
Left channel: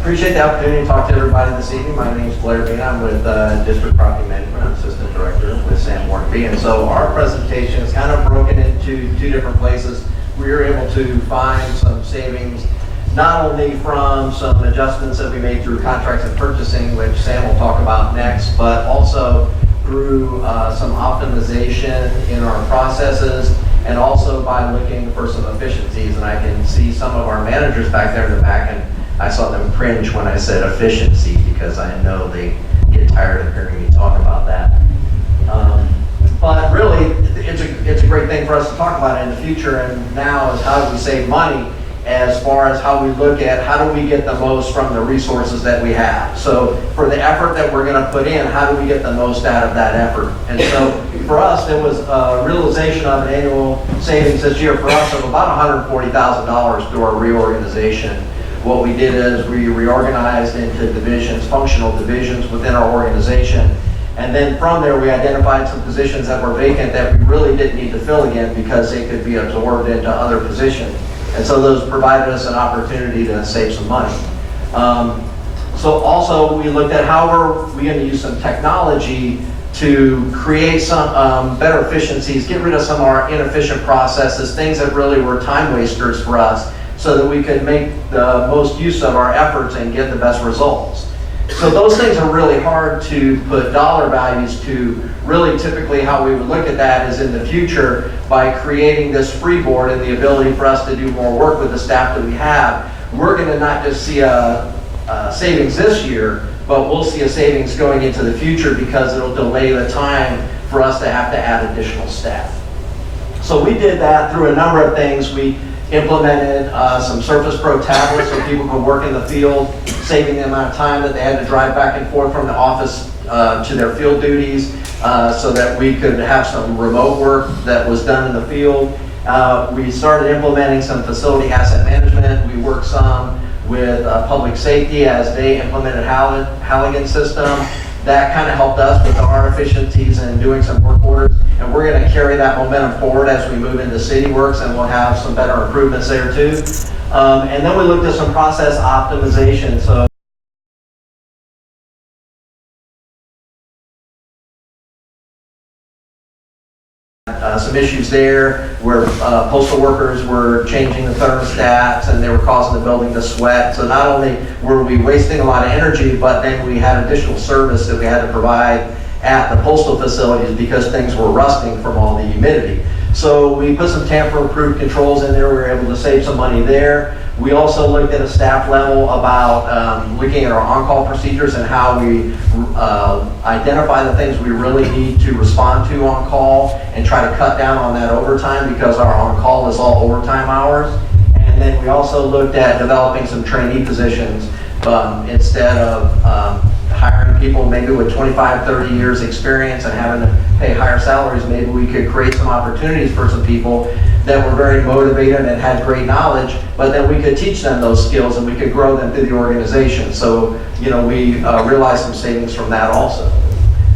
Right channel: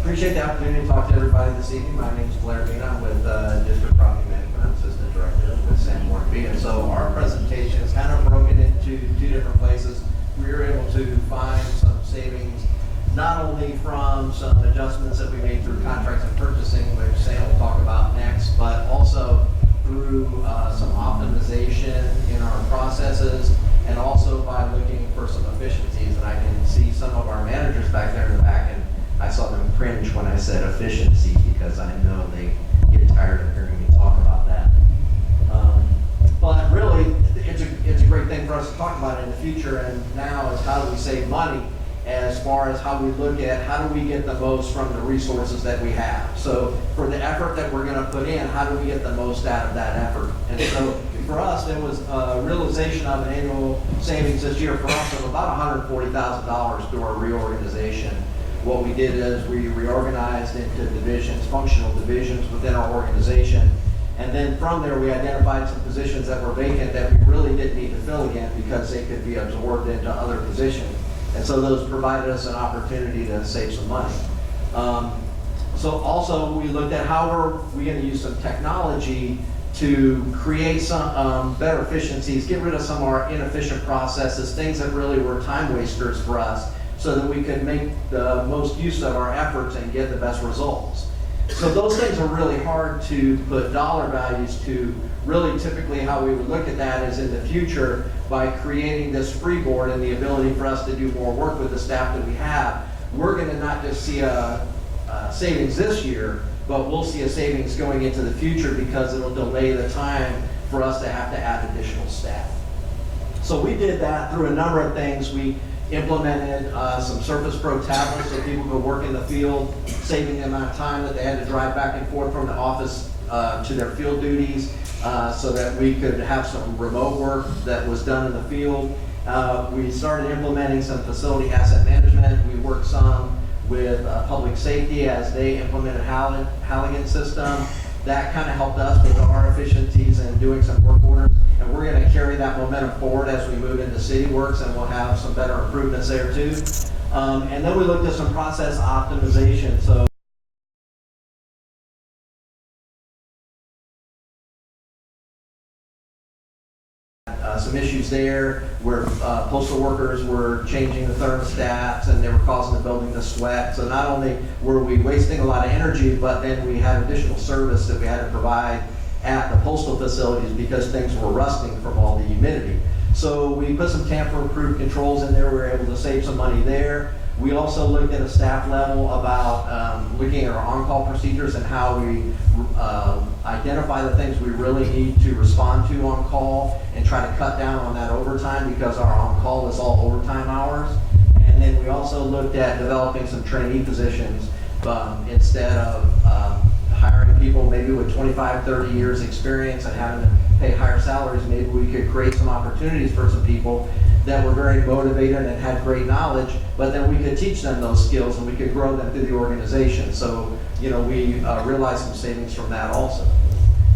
Appreciate the opportunity to talk to everybody this evening. My name is Blair Bean. I'm with District Property Management. I'm Assistant Director with Sam Mortenby. And so our presentation is kind of broken into 2 different places. We were able to find some savings, not only from some adjustments that we made through contracts and purchasing, which Sam will talk about next, but also through some optimization in our processes, and also by looking for some efficiencies. And I can see some of our managers back there in the back, and I saw them cringe when I said efficiency, because I know they get tired of hearing me talk about that. But really, it's a great thing for us to talk about in the future, and now is how do we save money? as far as how we look at how do we get the most from the resources that we have. So for the effort that we're going to put in, how do we get the most out of that effort? And so for us, there was a realization of an annual savings this year for us of about $140,000 through our reorganization. What we did is we reorganized into divisions, functional divisions within our organization. And then from there, we identified some positions that were vacant that we really didn't need to fill again because they could be absorbed into other positions. And so those provided us an opportunity to save some money. So also we looked at how are we going to use some technology to create some better efficiencies, get rid of some of our inefficient processes, things that really were time wasters for us, so that we could make the most use of our efforts and get the best results. So those things are really hard to put dollar values to. Really typically how we would look at that is in the future by creating this free board and the ability for us to do more work with the staff that we have. We're going to not just see a savings this year, but we'll see a savings going into the future because it'll delay the time for us to have to add additional staff. So we did that through a number of things. We implemented some Surface Pro tablets so people could work in the field, saving the amount of time that they had to drive back and forth from the office to their field duties, so that we could have some remote work that was done in the field. We started implementing some facility asset management. We worked some with public safety as they implemented Halligan system. That kind of helped us with our efficiencies and doing some work orders. And we're going to carry that momentum forward as we move into CityWorks, and we'll have some better improvements there too. And then we looked at some process optimization. So some issues there where postal workers were changing the thermostats and they were causing the building to sweat. So not only were we wasting a lot of energy, but then we had additional service that we had to provide at the postal facilities because things were rusting from all the humidity. So we put some tamper-proof controls in there. We were able to save some money there. We also looked at a staff level about looking at our on-call procedures and how we identify the things we really need to respond to on call and try to cut down on that overtime because our on-call is all overtime hours. And then we also looked at developing some trainee positions instead of hiring people maybe with 25, 30 years experience and having to pay higher salaries. Maybe we could create some opportunities for some people that were very motivated and had great knowledge, but then we could teach them those skills and we could grow them through the organization. So, you know, we realized some savings from that also.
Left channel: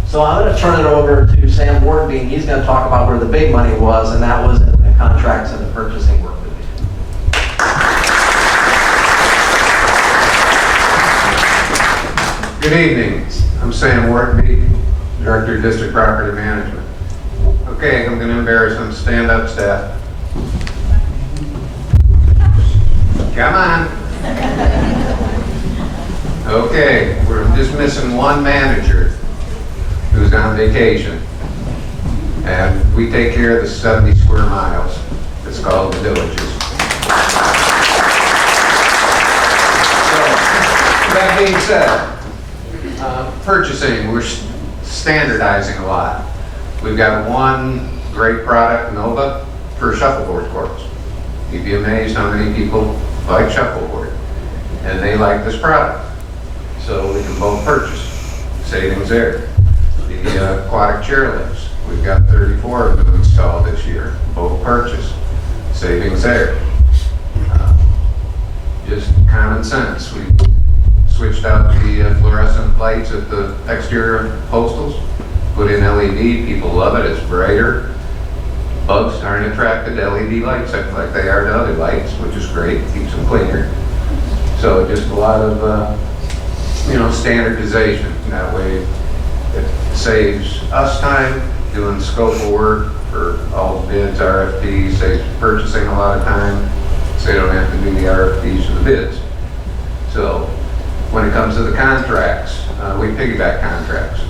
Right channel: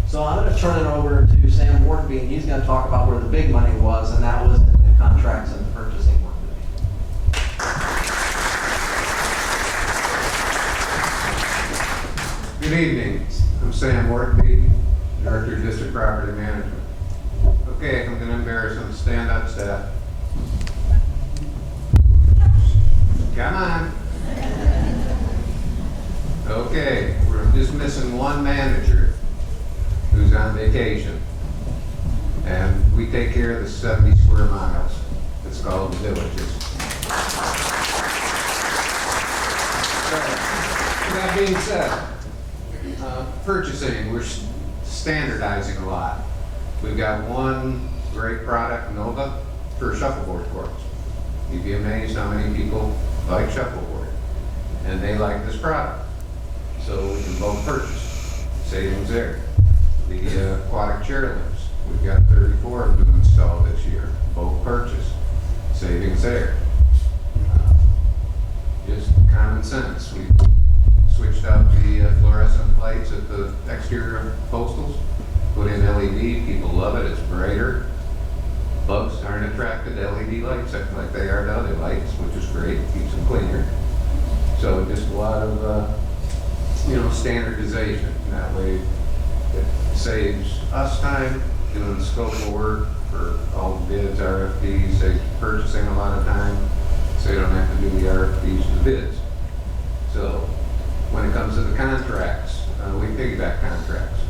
So I'm going to turn it over to Sam Wardenby, and he's going to talk about where the big money was, and that was in the contracts and the purchasing work that we did. Good evening. I'm Sam Wardenby, Director of District Property Management. Okay, I'm going to embarrass them. Stand up, staff. Come on. Okay, we're just missing one manager who's on vacation. And we take care of the 70 square miles. It's called the Villages. So, that being said, purchasing, we're standardizing a lot. We've got one great product, Nova, for shuffleboard courts. You'd be amazed how many people like shuffleboard, and they like this product. So we can both purchase. Savings there. The aquatic chairlifts, we've got 34 of them installed this year, both purchase. Savings there. Just common sense. We switched out the fluorescent lights at the exterior postals, put in LED, people love it, it's brighter. Bugs aren't attracted to LED lights like they are to other lights, which is great, keeps them cleaner. So just a lot of, standardization. That way it saves us time doing scope of work for all the bids, RFPs, saves purchasing a lot of time, so they don't have to do the RFPs or the bids. So when it comes to the contracts, we piggyback contracts.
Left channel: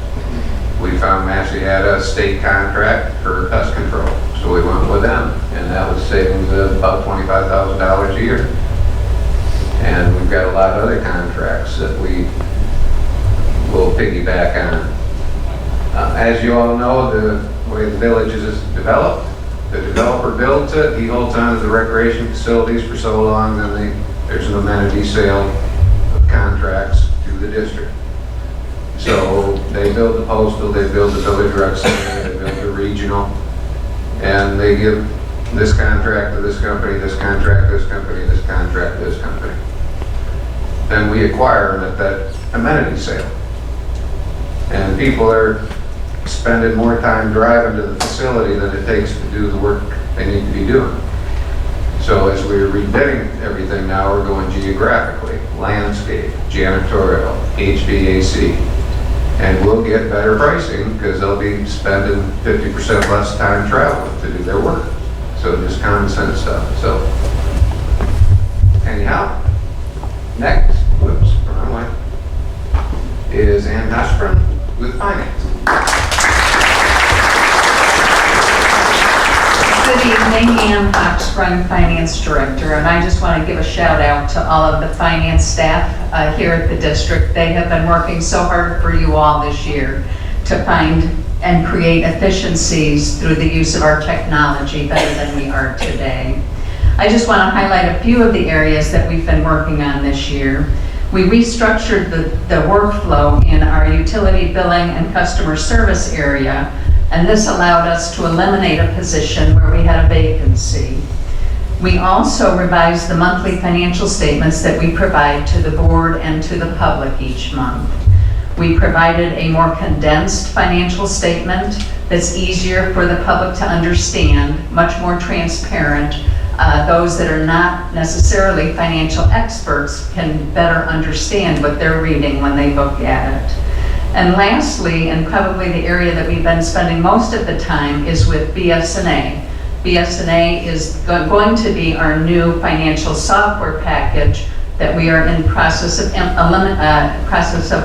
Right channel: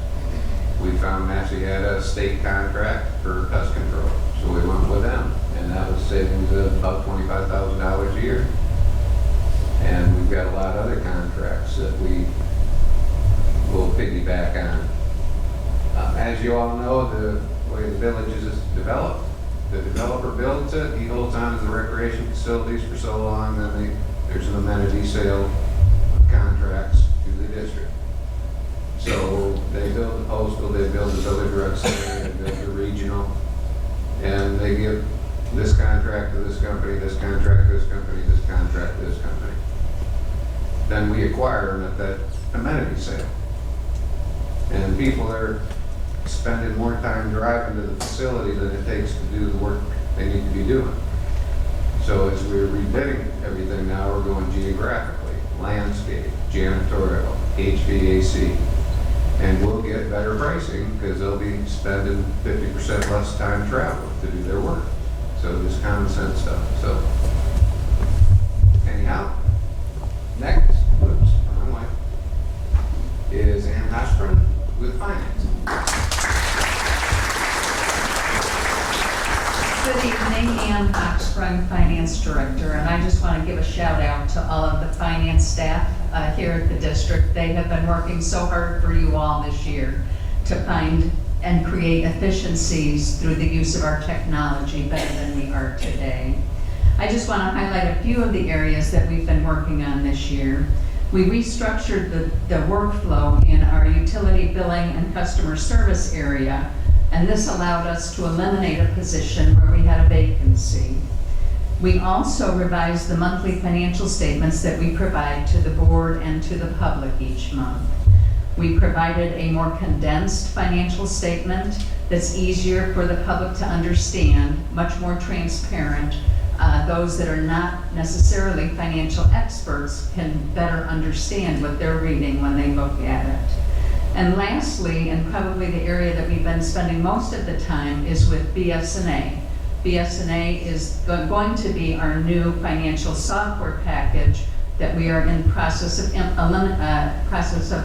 We found Massey had a state contract for pest control, so we went with them, and that was savings of about $25,000 a year. And we've got a lot of other contracts that we will piggyback on. As you all know, the way the Villages is developed, The developer builds it, he holds on to the recreation facilities for so long, then there's an amenity sale of contracts to the district. So they build the postal, they build the village rec center, they build the regional, and they give this contract to this company, this contract, this company, this contract, this company. Then we acquire them at that amenity sale. And people are spending more time driving to the facility than it takes to do the work they need to be doing. So as we're rebidding everything now, we're going geographically, landscape, janitorial, HVAC. And we'll get better pricing because they'll be spending 50% less time traveling to do their work. So just common sense stuff. So anyhow, next, whoops, wrong way, is Ann Hochsprung with finance. Good evening, Ann Hochsprung, Finance Director, and I just want to give a shout out to all of the finance staff here at the district. They have been working so hard for you all this year to find and create efficiencies through the use of our technology better than we are today. I just want to highlight a few of the areas that we've been working on this year. We restructured the workflow in our utility billing and customer service area, and this allowed us to eliminate a position where we had a vacancy. We also revised the monthly financial statements that we provide to the board and to the public each month. We provided a more condensed financial statement that's easier for the public to understand, much more transparent. Those that are not necessarily financial experts can better understand what they're reading when they look at it. And lastly, and probably the area that we've been spending most of the time, is with BS&A. BS&A is going to be our new financial software package that we are in process of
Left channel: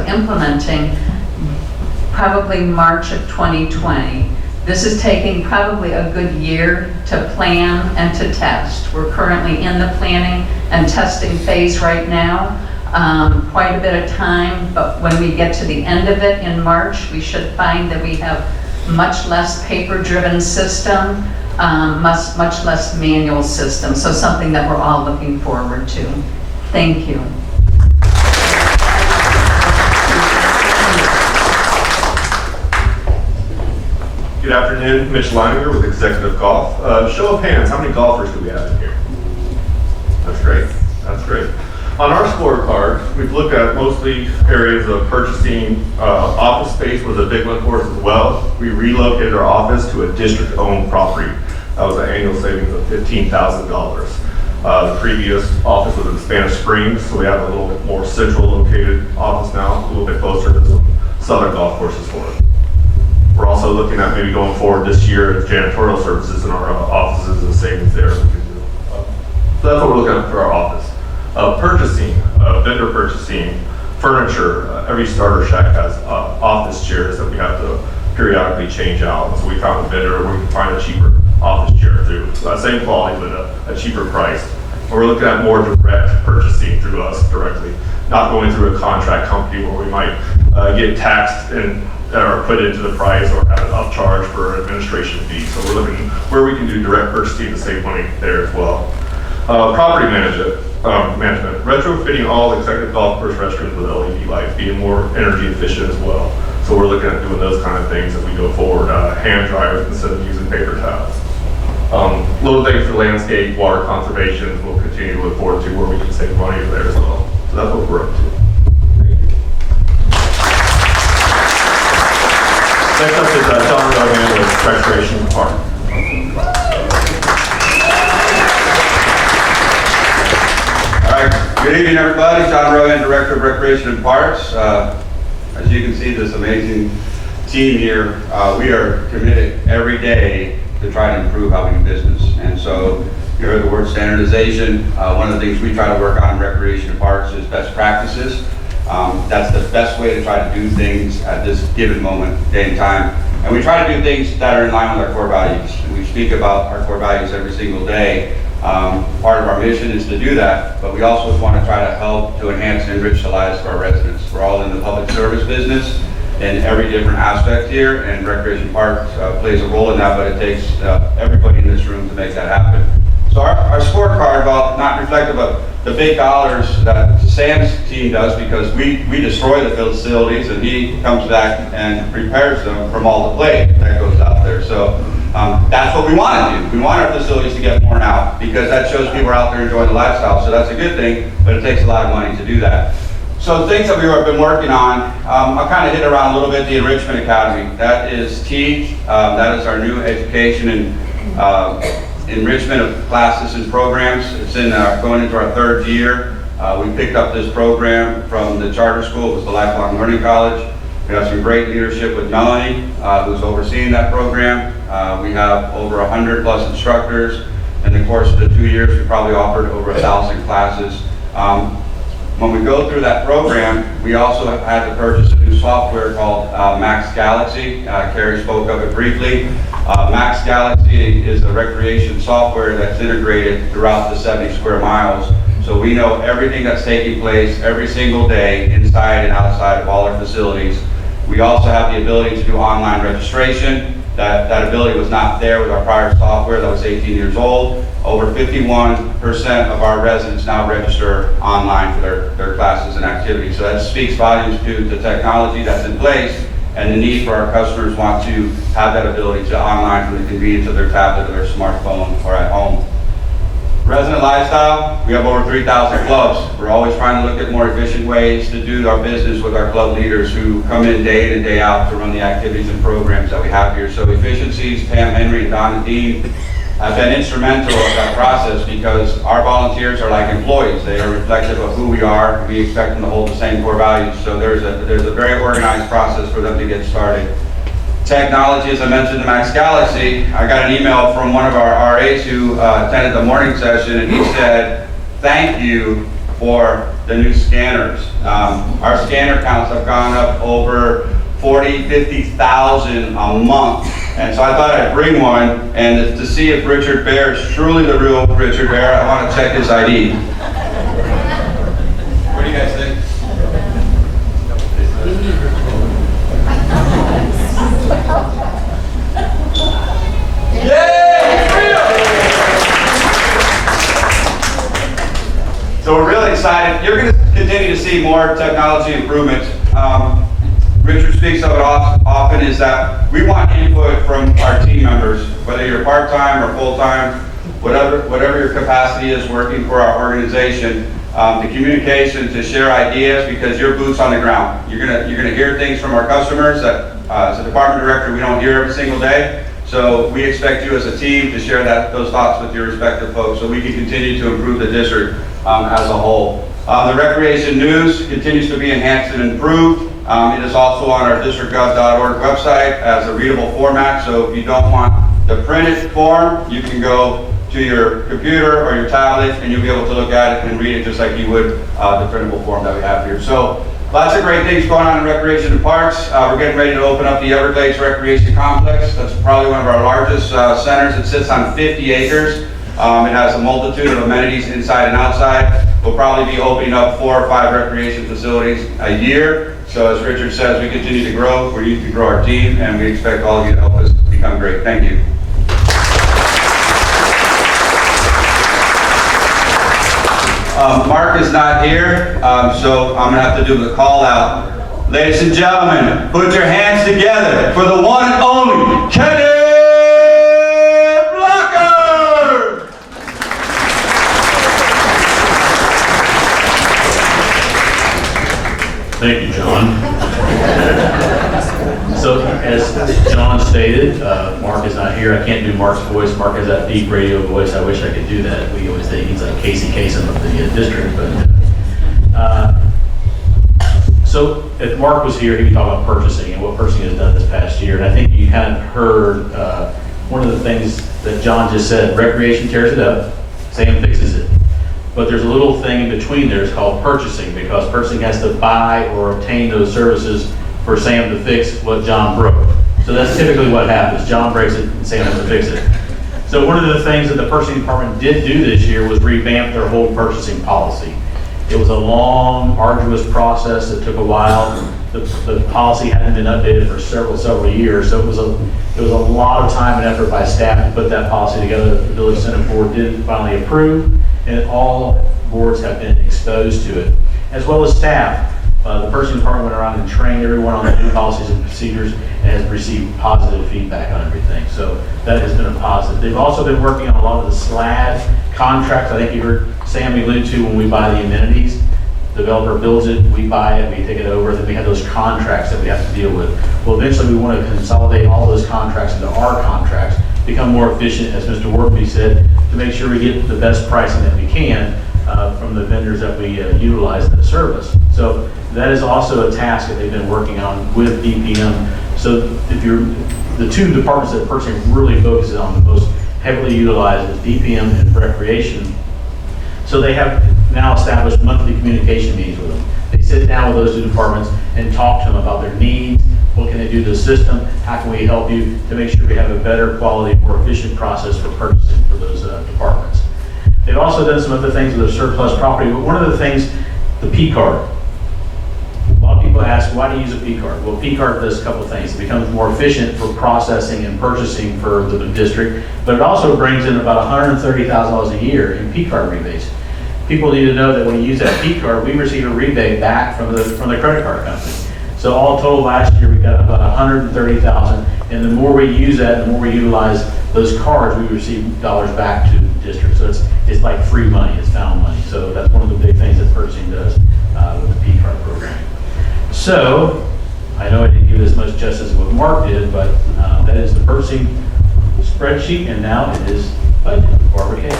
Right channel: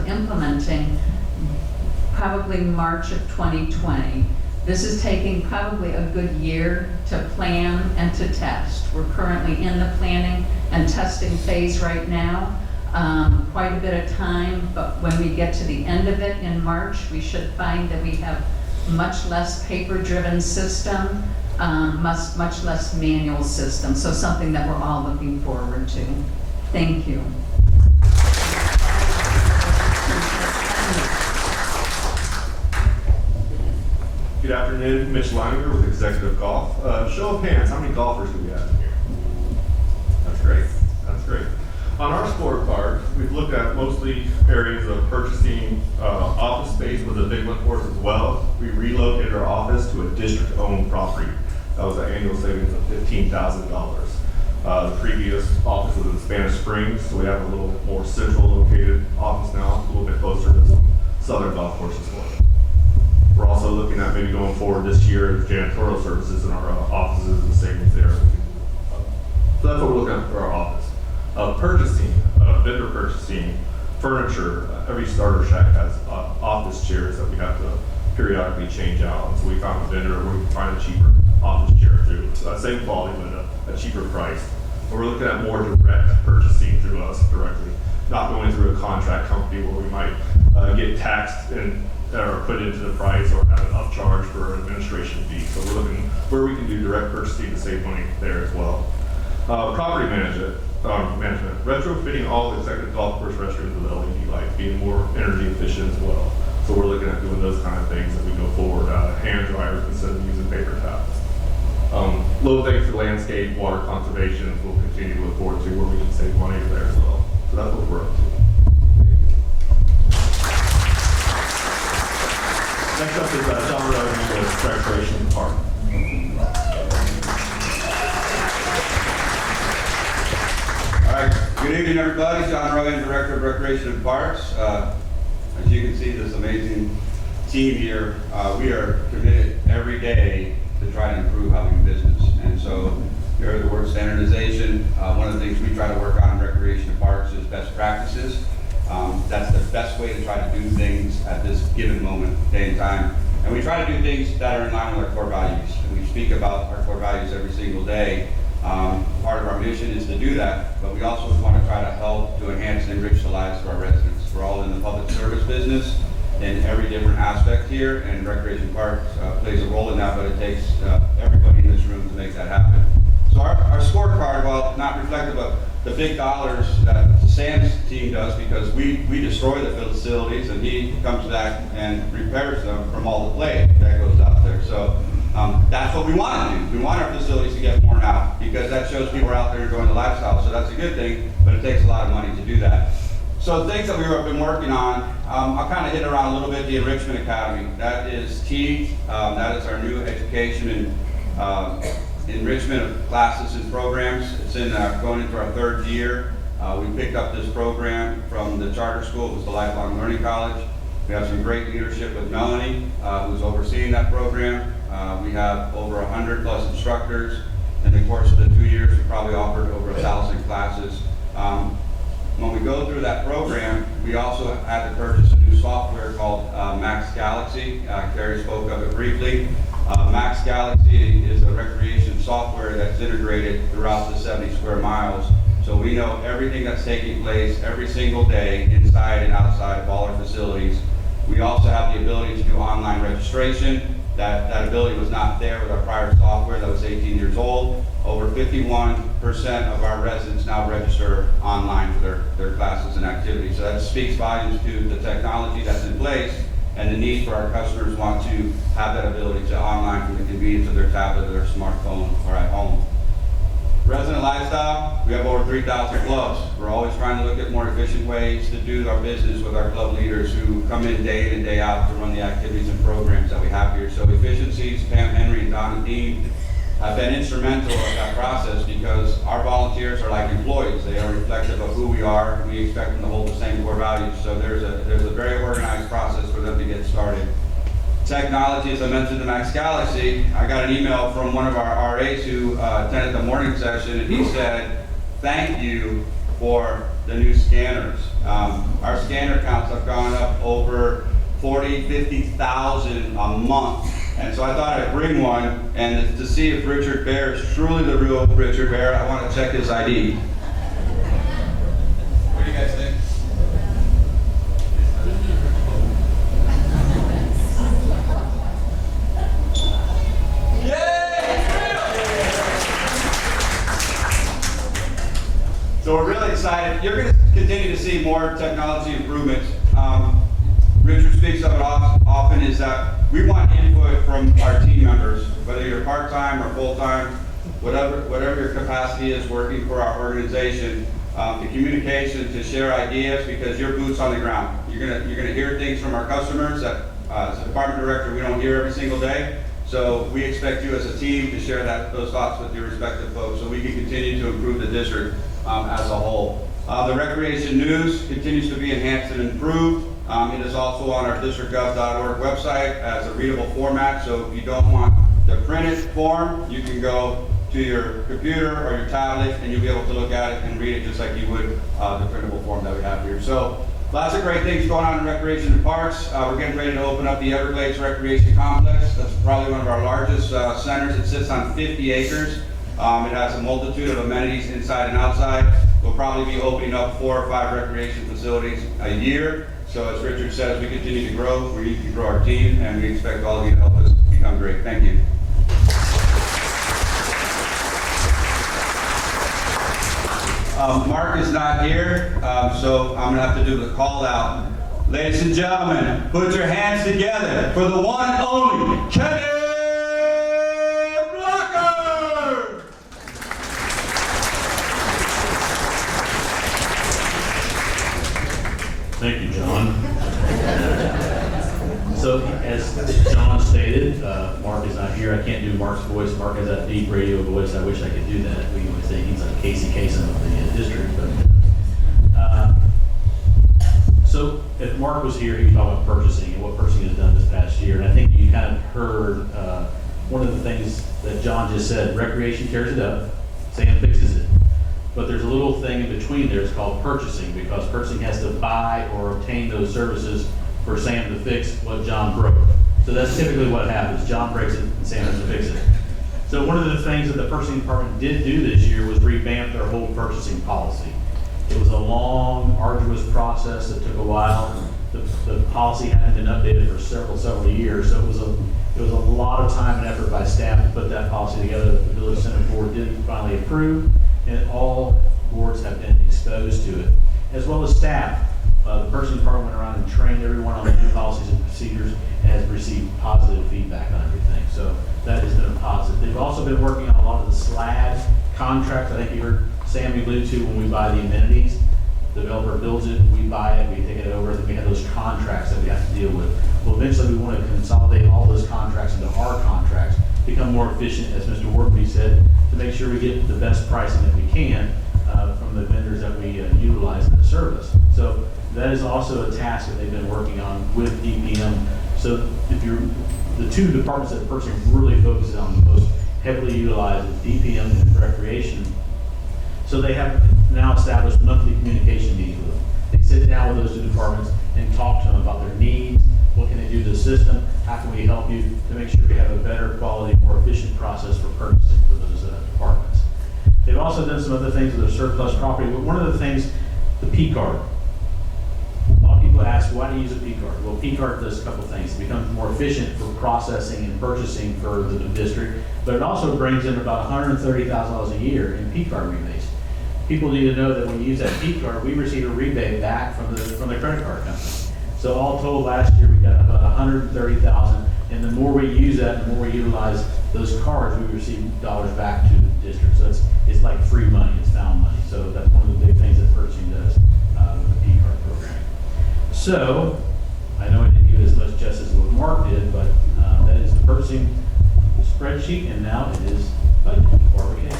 implementing probably March of 2020. This is taking probably a good year to plan and to test. We're currently in the planning and testing phase right now. Quite a bit of time, but when we get to the end of it in March, we should find that we have much less paper-driven system, much less manual system, so something that we're all looking forward to. Thank you. Good afternoon, Mitch Leininger with Executive Golf. Show of hands, how many golfers do we have in here? That's great, that's great. On our scorecard, we've looked at mostly areas of purchasing. Office space was a big one for us as well. We relocated our office to a district-owned property. That was an annual savings of $15,000. The previous office was in Spanish Springs, so we have a little more central located office now, a little bit closer to some southern golf courses for us. We're also looking at maybe going forward this year at janitorial services in our offices and savings there we can do. So that's what we're looking at for our office. Purchasing, vendor purchasing, furniture. Every starter shack has office chairs that we have to periodically change out. So we found a vendor where we can find a cheaper office chair through same quality but a cheaper price. We're looking at more direct purchasing through us directly, not going through a contract company where we might get taxed and or put into the price or have an upcharge for an administration fee. So we're looking where we can do direct purchasing to save money there as well. Property management, retrofitting all executive golf course restrooms with LED lights, being more energy efficient as well. So we're looking at doing those kind of things as we go forward. Hand dryers instead of using paper towels. Little things for landscape, water conservation, we'll continue to look forward to where we can save money there as well. So that's what we're up to. Next up is John Rowan with Recreation Department. All right, good evening everybody. John Rowan, Director of Recreation and Parks. As you can see, this amazing team here, we are committed every day to try to improve how we do business. And so you heard the word standardization. One of the things we try to work on in Recreation and Parks is best practices. That's the best way to try to do things at this given moment, day and time. And we try to do things that are in line with our core values. And we speak about our core values every single day. Part of our mission is to do that, but we also want to try to help to enhance and enrich the lives of our residents. We're all in the public service business, in every different aspect here, and Recreation Parks plays a role in that, but it takes everybody in this room to make that happen. So our scorecard, while not reflective of the big dollars that Sam's team does, because we destroy the facilities and he comes back and repairs them from all the clay that goes out there. So that's what we want to do. We want our facilities to get worn out because that shows people are out there enjoying the lifestyle. So that's a good thing, but it takes a lot of money to do that. So things that we've been working on, I'll kind of hit around a little bit the Enrichment Academy. That is T. That is our new education and enrichment of classes and programs. It's in going into our third year. We picked up this program from the charter school. It was the Lifelong Learning College. We have some great leadership with Melanie, who's overseeing that program. We have over 100 plus instructors. In the course of the 2 years, we probably offered over 1,000 classes. When we go through that program, we also had to purchase a new software called Max Galaxy. Carrie spoke of it briefly. Max Galaxy is a recreation software that's integrated throughout the 70 square miles. So we know everything that's taking place every single day inside and outside of all our facilities. We also have the ability to do online registration. That ability was not there with our prior software that was 18 years old. Over 51% of our residents now register online for their classes and activities. So that speaks volumes to the technology that's in place and the need for our customers want to have that ability to online from the convenience of their tablet or their smartphone or at home. Resident lifestyle, we have over 3,000 clubs. We're always trying to look at more efficient ways to do our business with our club leaders who come in day in and day out to run the activities and programs that we have here. So efficiencies, Pam Henry and Donna Dean have been instrumental in that process because our volunteers are like employees. They are reflective of who we are. We expect them to hold the same core values. So there's a very organized process for them to get started. Technology, as I mentioned, the Max Galaxy, I got an email from one of our RAs who attended the morning session, and he said, thank you for the new scanners. Our scanner counts have gone up over 40, 50,000 a month. And so I thought I'd bring one, and to see if Richard Bear is truly the real Richard Bear, I want to check his ID. What do you guys think? So we're really excited. You're going to continue to see more technology improvements. Richard speaks of it often is that we want input from our team members, whether you're part-time or full-time, whatever your capacity is working for our organization. The communication to share ideas because you're boots on the ground. You're gonna hear things from our customers that as a department director we don't hear every single day. So we expect you as a team to share those thoughts with your respective folks so we can continue to improve the district as a whole. The recreation news continues to be enhanced and improved. It is also on our districtgov.org website as a readable format. So if you don't want the printed form, you can go to your computer or your tablet and you'll be able to look at it and read it just like you would the printable form that we have here. So lots of great things going on in recreation and parks. We're getting ready to open up the Everglades Recreation Complex. That's probably one of our largest centers. It sits on 50 acres. It has a multitude of amenities inside and outside. We'll probably be opening up 4 or 5 recreation facilities a year. So as Richard says, we continue to grow. We need to grow our team, and we expect all of you to help us become great. Thank you. Mark is not here, so I'm going to have to do the call out. Ladies and gentlemen, put your hands together for the one and only Kenny Blocker! Thank you, John. So as John stated, Mark is not here. I can't do Mark's voice. Mark has that deep radio voice. I wish I could do that. We always say he's like Casey Kasem of the district. But so if Mark was here, he would talk about purchasing and what purchasing has done this past year. And I think you kind of heard one of the things that John just said, recreation tears it up, Sam fixes it. But there's a little thing in between there, it's called purchasing, because purchasing has to buy or obtain those services for Sam to fix what John broke. So that's typically what happens. John breaks it and Sam has to fix it. So one of the things that the purchasing department did do this year was revamp their whole purchasing policy. It was a long, arduous process that took a while. the policy hadn't been updated for several years, so it was a lot of time and effort by staff to put that policy together that the Village Senate Board did finally approve, and all boards have been exposed to it, as well as staff. The purchasing department went around and trained everyone on the new policies and procedures and has received positive feedback on everything. So that has been a positive. They've also been working on a lot of the SLAD contracts. I think you heard Sam allude to when we buy the amenities. Developer builds it, we buy it, we take it over, then we have those contracts that we have to deal with. Well, eventually we want to consolidate all those contracts into our contracts, become more efficient, as Mr. Workby said, to make sure we get the best pricing that we can from the vendors that we utilize in the service. So that is also a task that they've been working on with DPM. So if the two departments that purchasing really focuses on the most heavily utilized is DPM and recreation. So they have now established monthly communication meetings with them. They sit down with those two departments and talk to them about their needs, what can they do to the system, how can we help you to make sure we have a better quality, more efficient process for purchasing for those departments. They've also done some other things with their surplus property, but one of the things, the P card. A lot of people ask, why do you use a P card? Well, P card does a couple of things. It becomes more efficient for processing and purchasing for the district, but it also brings in about $130,000 a year in P card rebates. People need to know that when you use that P card, we receive a rebate back from the credit card company. So all total last year, we got about $130,000, and the more we use that, the more we utilize those cards, we receive dollars back to the district. So it's like free money, it's found money. So that's one of the big things that purchasing does with the P card program. So I know I didn't give as much justice as what Mark did, but that is the purchasing spreadsheet, and now it is budget. Barbara Case.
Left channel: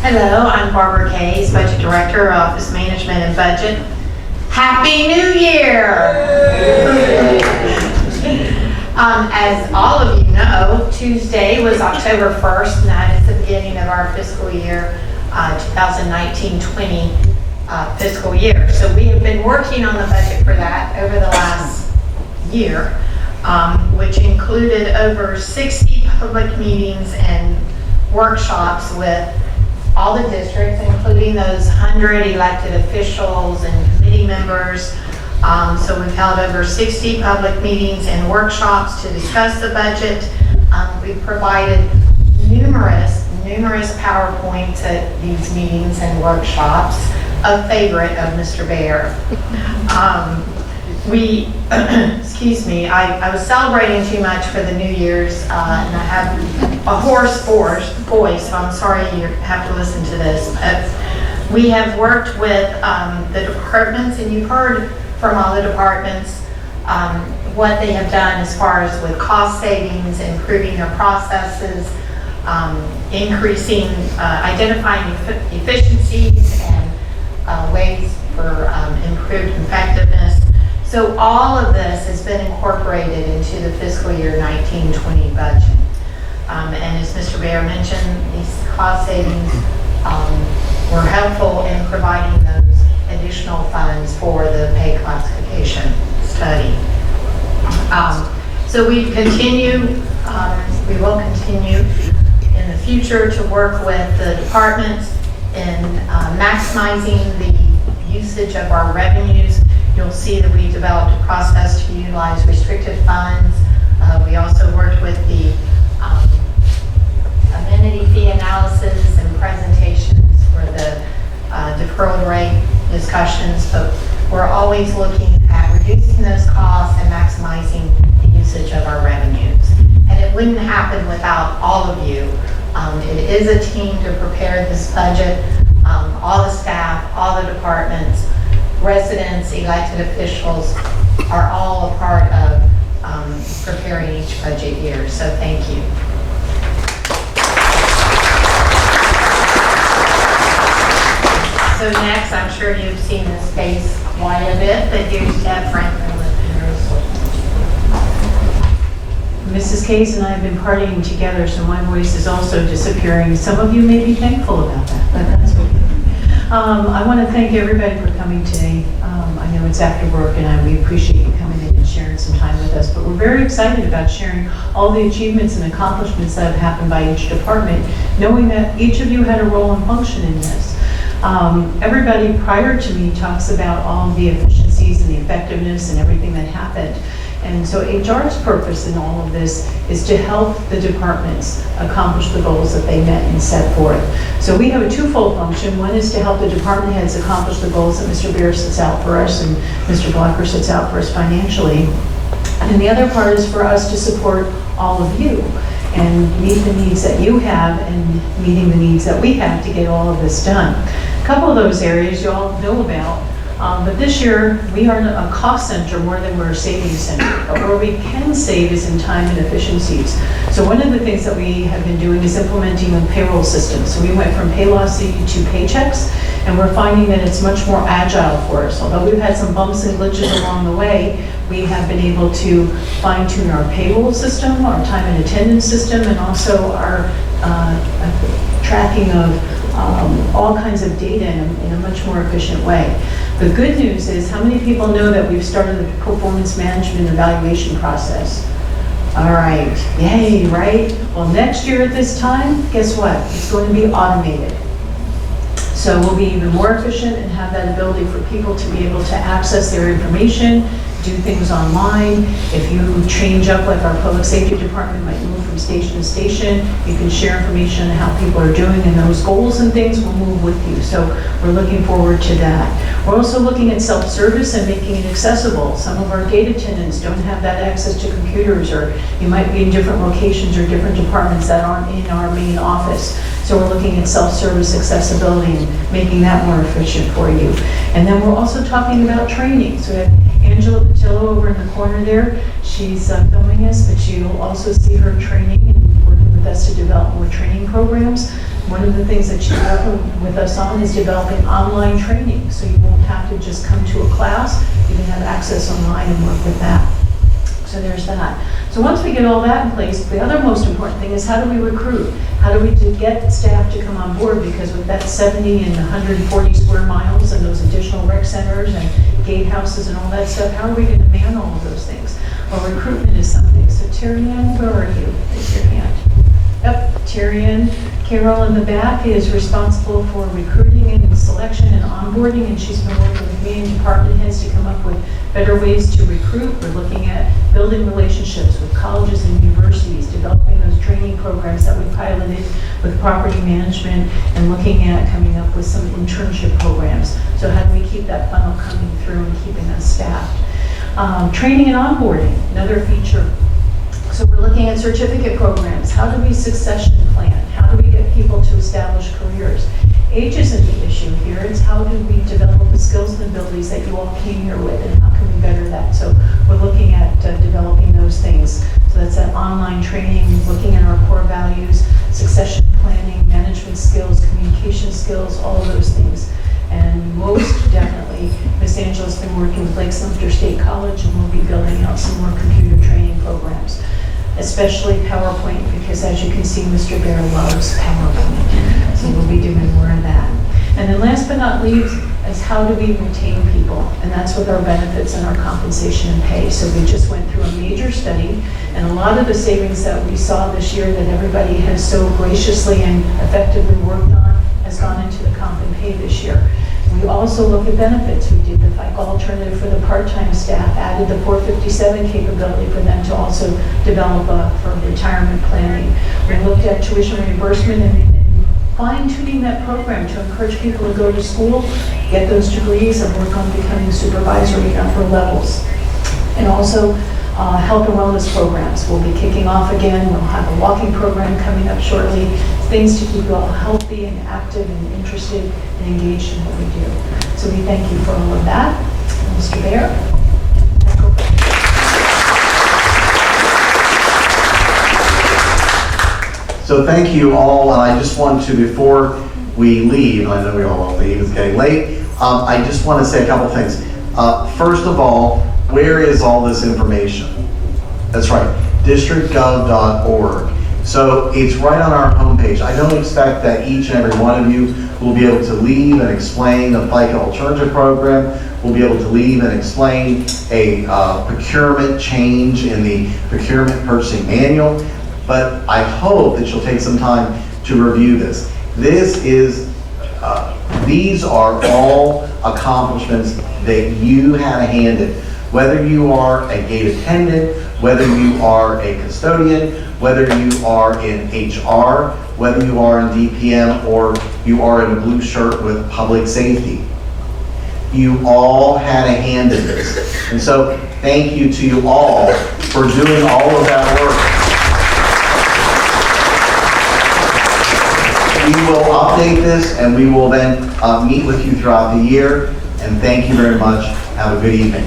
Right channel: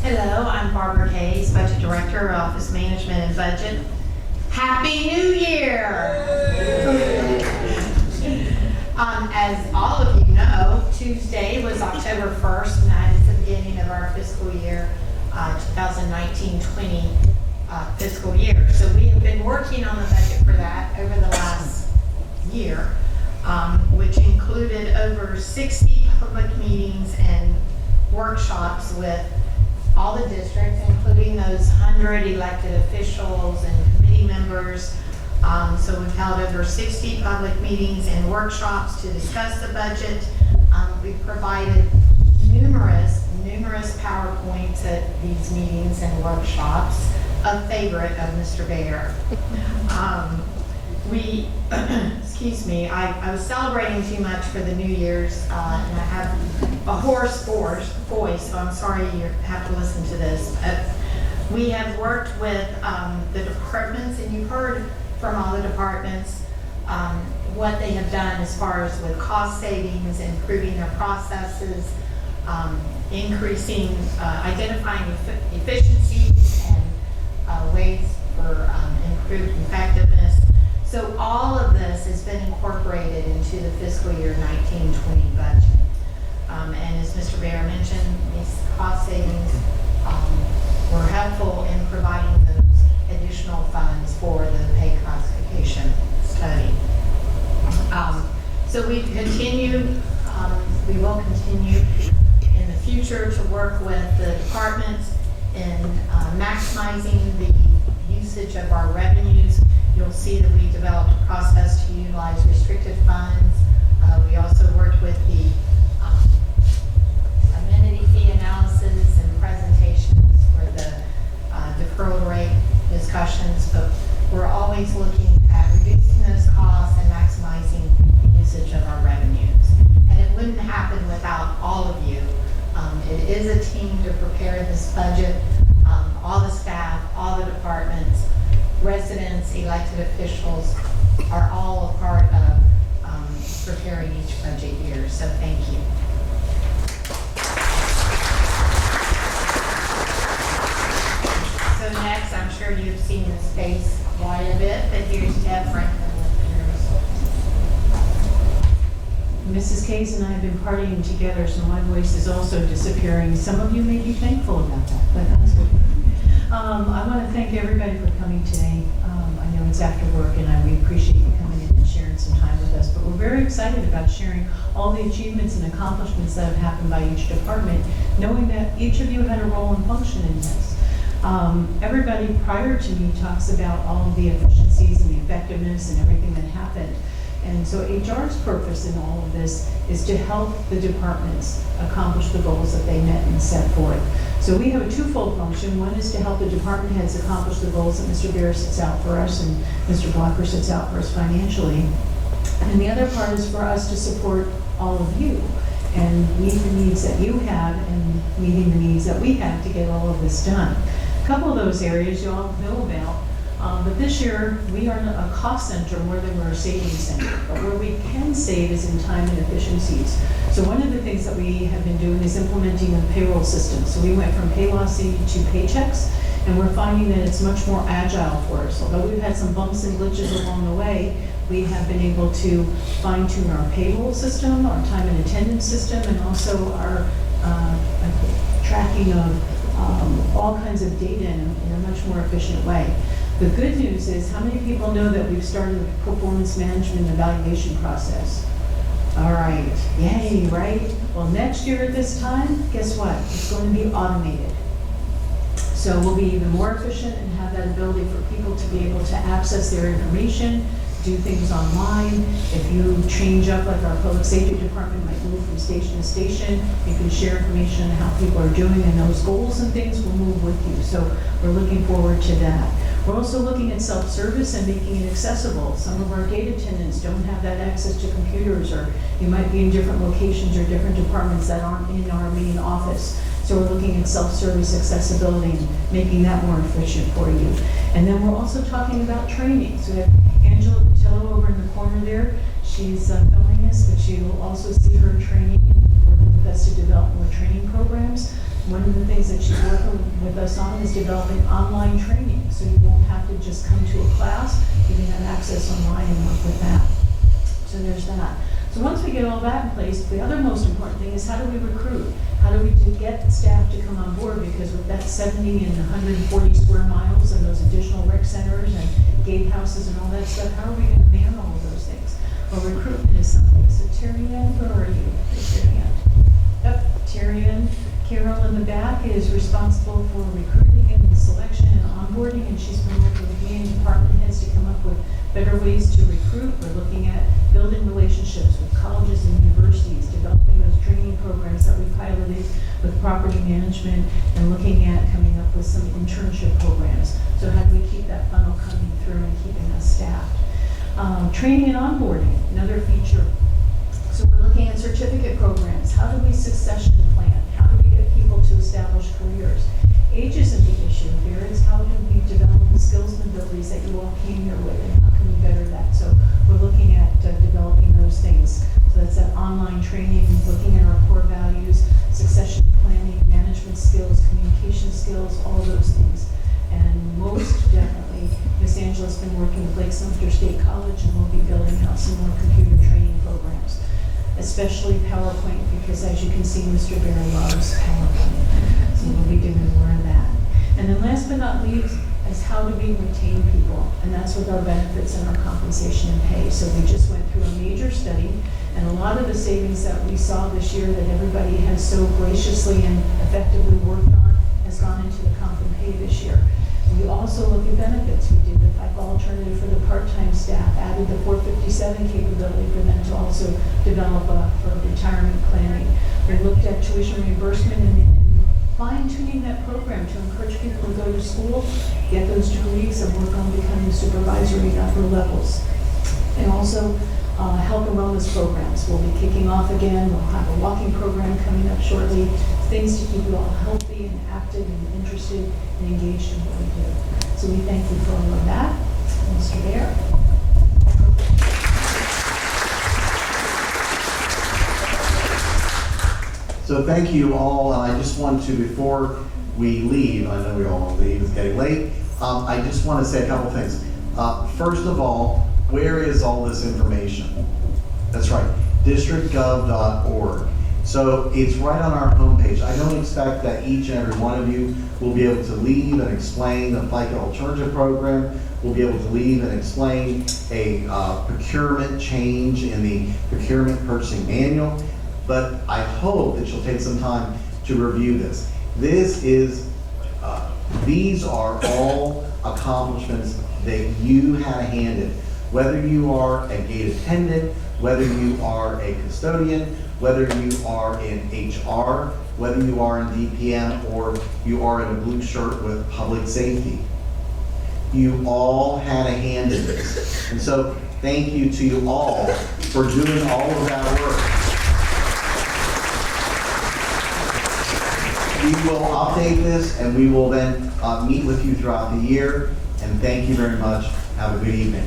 Hello, I'm Barbara Case, Budget Director, Office Management and Budget. Happy New Year! As all of you know, Tuesday was October 1st, and that is the beginning of our fiscal year, 2019-20 fiscal year. So we have been working on the budget for that over the last year, which included over 60 public meetings and workshops with all the districts, including those 100 elected officials and committee members. So we've held over 60 public meetings and workshops to discuss the budget. We've provided numerous PowerPoints at these meetings and workshops, a favorite of Mr. Baer. Excuse me, I was celebrating too much for the New Year's, and I have a hoarse voice, so I'm sorry you have to listen to this. But we have worked with the departments, and you've heard from all the departments what they have done as far as with cost savings, improving their processes, increasing, identifying efficiencies and ways for improved effectiveness. So all of this has been incorporated into the fiscal year 19-20 budget. And as Mr. Baer mentioned, these cost savings were helpful in providing those additional funds for the pay classification study. So we will continue in the future to work with the departments in maximizing the usage of our revenues. You'll see that we developed a process to utilize restricted funds. We also worked with the amenity fee analysis and presentations for the deferral rate discussions, but we're always looking at reducing those costs and maximizing the usage of our revenues. And it wouldn't happen without all of you. It is a team to prepare this budget. All the staff, all the departments, residents, elected officials are all a part of preparing each budget year. So thank you. So next, I'm sure you've seen this face quite a bit, but here's Deb Franklin with Henry. Mrs. Case and I have been partying together, so my voice is also disappearing. Some of you may be thankful about that, but that's okay. I want to thank everybody for coming today. I know it's after work, and we appreciate you coming in and sharing some time with with us, but we're very excited about sharing all the achievements and accomplishments that have happened by each department, knowing that each of you had a role and function in this. Everybody prior to me talks about all the efficiencies and the effectiveness and everything that happened. And so HR's purpose in all of this is to help the departments accomplish the goals that they met and set forth. So we have a twofold function. One is to help the department heads accomplish the goals that Mr. Bear sets out for us and Mr. Blocker sets out for us financially. And the other part is for us to support all of you and meet the needs that you have and meeting the needs that we have to get all of this done. A couple of those areas you all know about. But this year, we are a cost center more than we're a savings center. But where we can save is in time and efficiencies. So one of the things that we have been doing is implementing a payroll system. So we went from Paylocity to Paychex, and we're finding that it's much more agile for us. Although we've had some bumps and glitches along the way, we have been able to fine tune our payroll system, our time and attendance system, and also our tracking of all kinds of data in a much more efficient way. The good news is, how many people know that we've started the performance management evaluation process? All right, yay, right? Well, next year at this time, guess what? It's going to be automated. So we'll be even more efficient and have that ability for people to be able to access their information, do things online. If you change up, like our public safety department might move from station to station, you can share information on how people are doing, and those goals and things will move with you. So we're looking forward to that. We're also looking at self-service and making it accessible. Some of our gate attendants don't have that access to computers, or you might be in different locations or different departments that aren't in our main office. So we're looking at self-service accessibility and making that more efficient for you. And then we're also talking about training. So we have Angela Patillo over in the corner there. She's filming us, but you'll also see her training and working with us to develop more training programs. One of the things that she's working with us on is developing online training. So you won't have to just come to a class. You can have access online and work with that. So there's that. So once we get all that in place, the other most important thing is, how do we recruit? How do we get staff to come on board? Because with that 70 and 140 square miles and those additional rec centers and gatehouses and all that stuff, how are we going to man all of those things? Well, recruitment is something. So Terry Ann, where are you? Raise your hand. Yep, Terry Ann. Carol in the back is responsible for recruiting and selection and onboarding, and she's been working with me and department heads to come up with better ways to recruit. We're looking at building relationships with colleges and universities, developing those training programs that we piloted with property management, and looking at coming up with some internship programs. So how do we keep that funnel coming through and keeping us staffed? Training and onboarding, another feature. So we're looking at certificate programs. How do we succession plan? How do we get people to establish careers? Age isn't the issue here. It's how do we develop the skills and abilities that you all came here with, and how can we better that? So we're looking at developing those things. So that's that online training, looking at our core values, succession planning, management skills, communication skills, all of those things. And most definitely, Ms. Angela's been working with Lake Sumter State College, and we'll be building out some more computer training programs, especially PowerPoint, because as you can see, Mr. Bear loves PowerPoint. So we'll be doing more of that. And then last but not least is, how do we retain people? And that's with our benefits and our compensation and pay. So we just went through a major study, and a lot of the savings that we saw this year that everybody has so graciously and effectively worked on has gone into the comp and pay this year. We also look at benefits. We did the FICA alternative for the part-time staff, added the 457 capability for them to also develop for retirement planning. We looked at tuition reimbursement and fine-tuning that program to encourage people to go to school, get those degrees, and work on becoming supervisory upper levels. And also health and wellness programs. We'll be kicking off again. We'll have a walking program coming up shortly. Things to keep you all healthy and active and interested and engaged in what we do. So we thank you for all of that. Mr. Bear. So thank you all, and I just want to, before we leave, I know we all want to leave, it's getting late, I just want to say a couple things. First of all, where is all this information? That's right, districtgov.org. So it's right on our homepage. I don't expect that each and every one of you will be able to leave and explain the FICA alternative program. will be able to leave and explain a procurement change in the procurement purchasing manual. But I hope that you'll take some time to review this. These are all accomplishments that you had a hand in. Whether you are a gate attendant, whether you are a custodian, whether you are in HR, whether you are in DPM, or you are in a blue shirt with public safety. You all had a hand in this. And so thank you to you all for doing all of that work. We will update this and we will then meet with you throughout the year. And thank you very much. Have a good evening.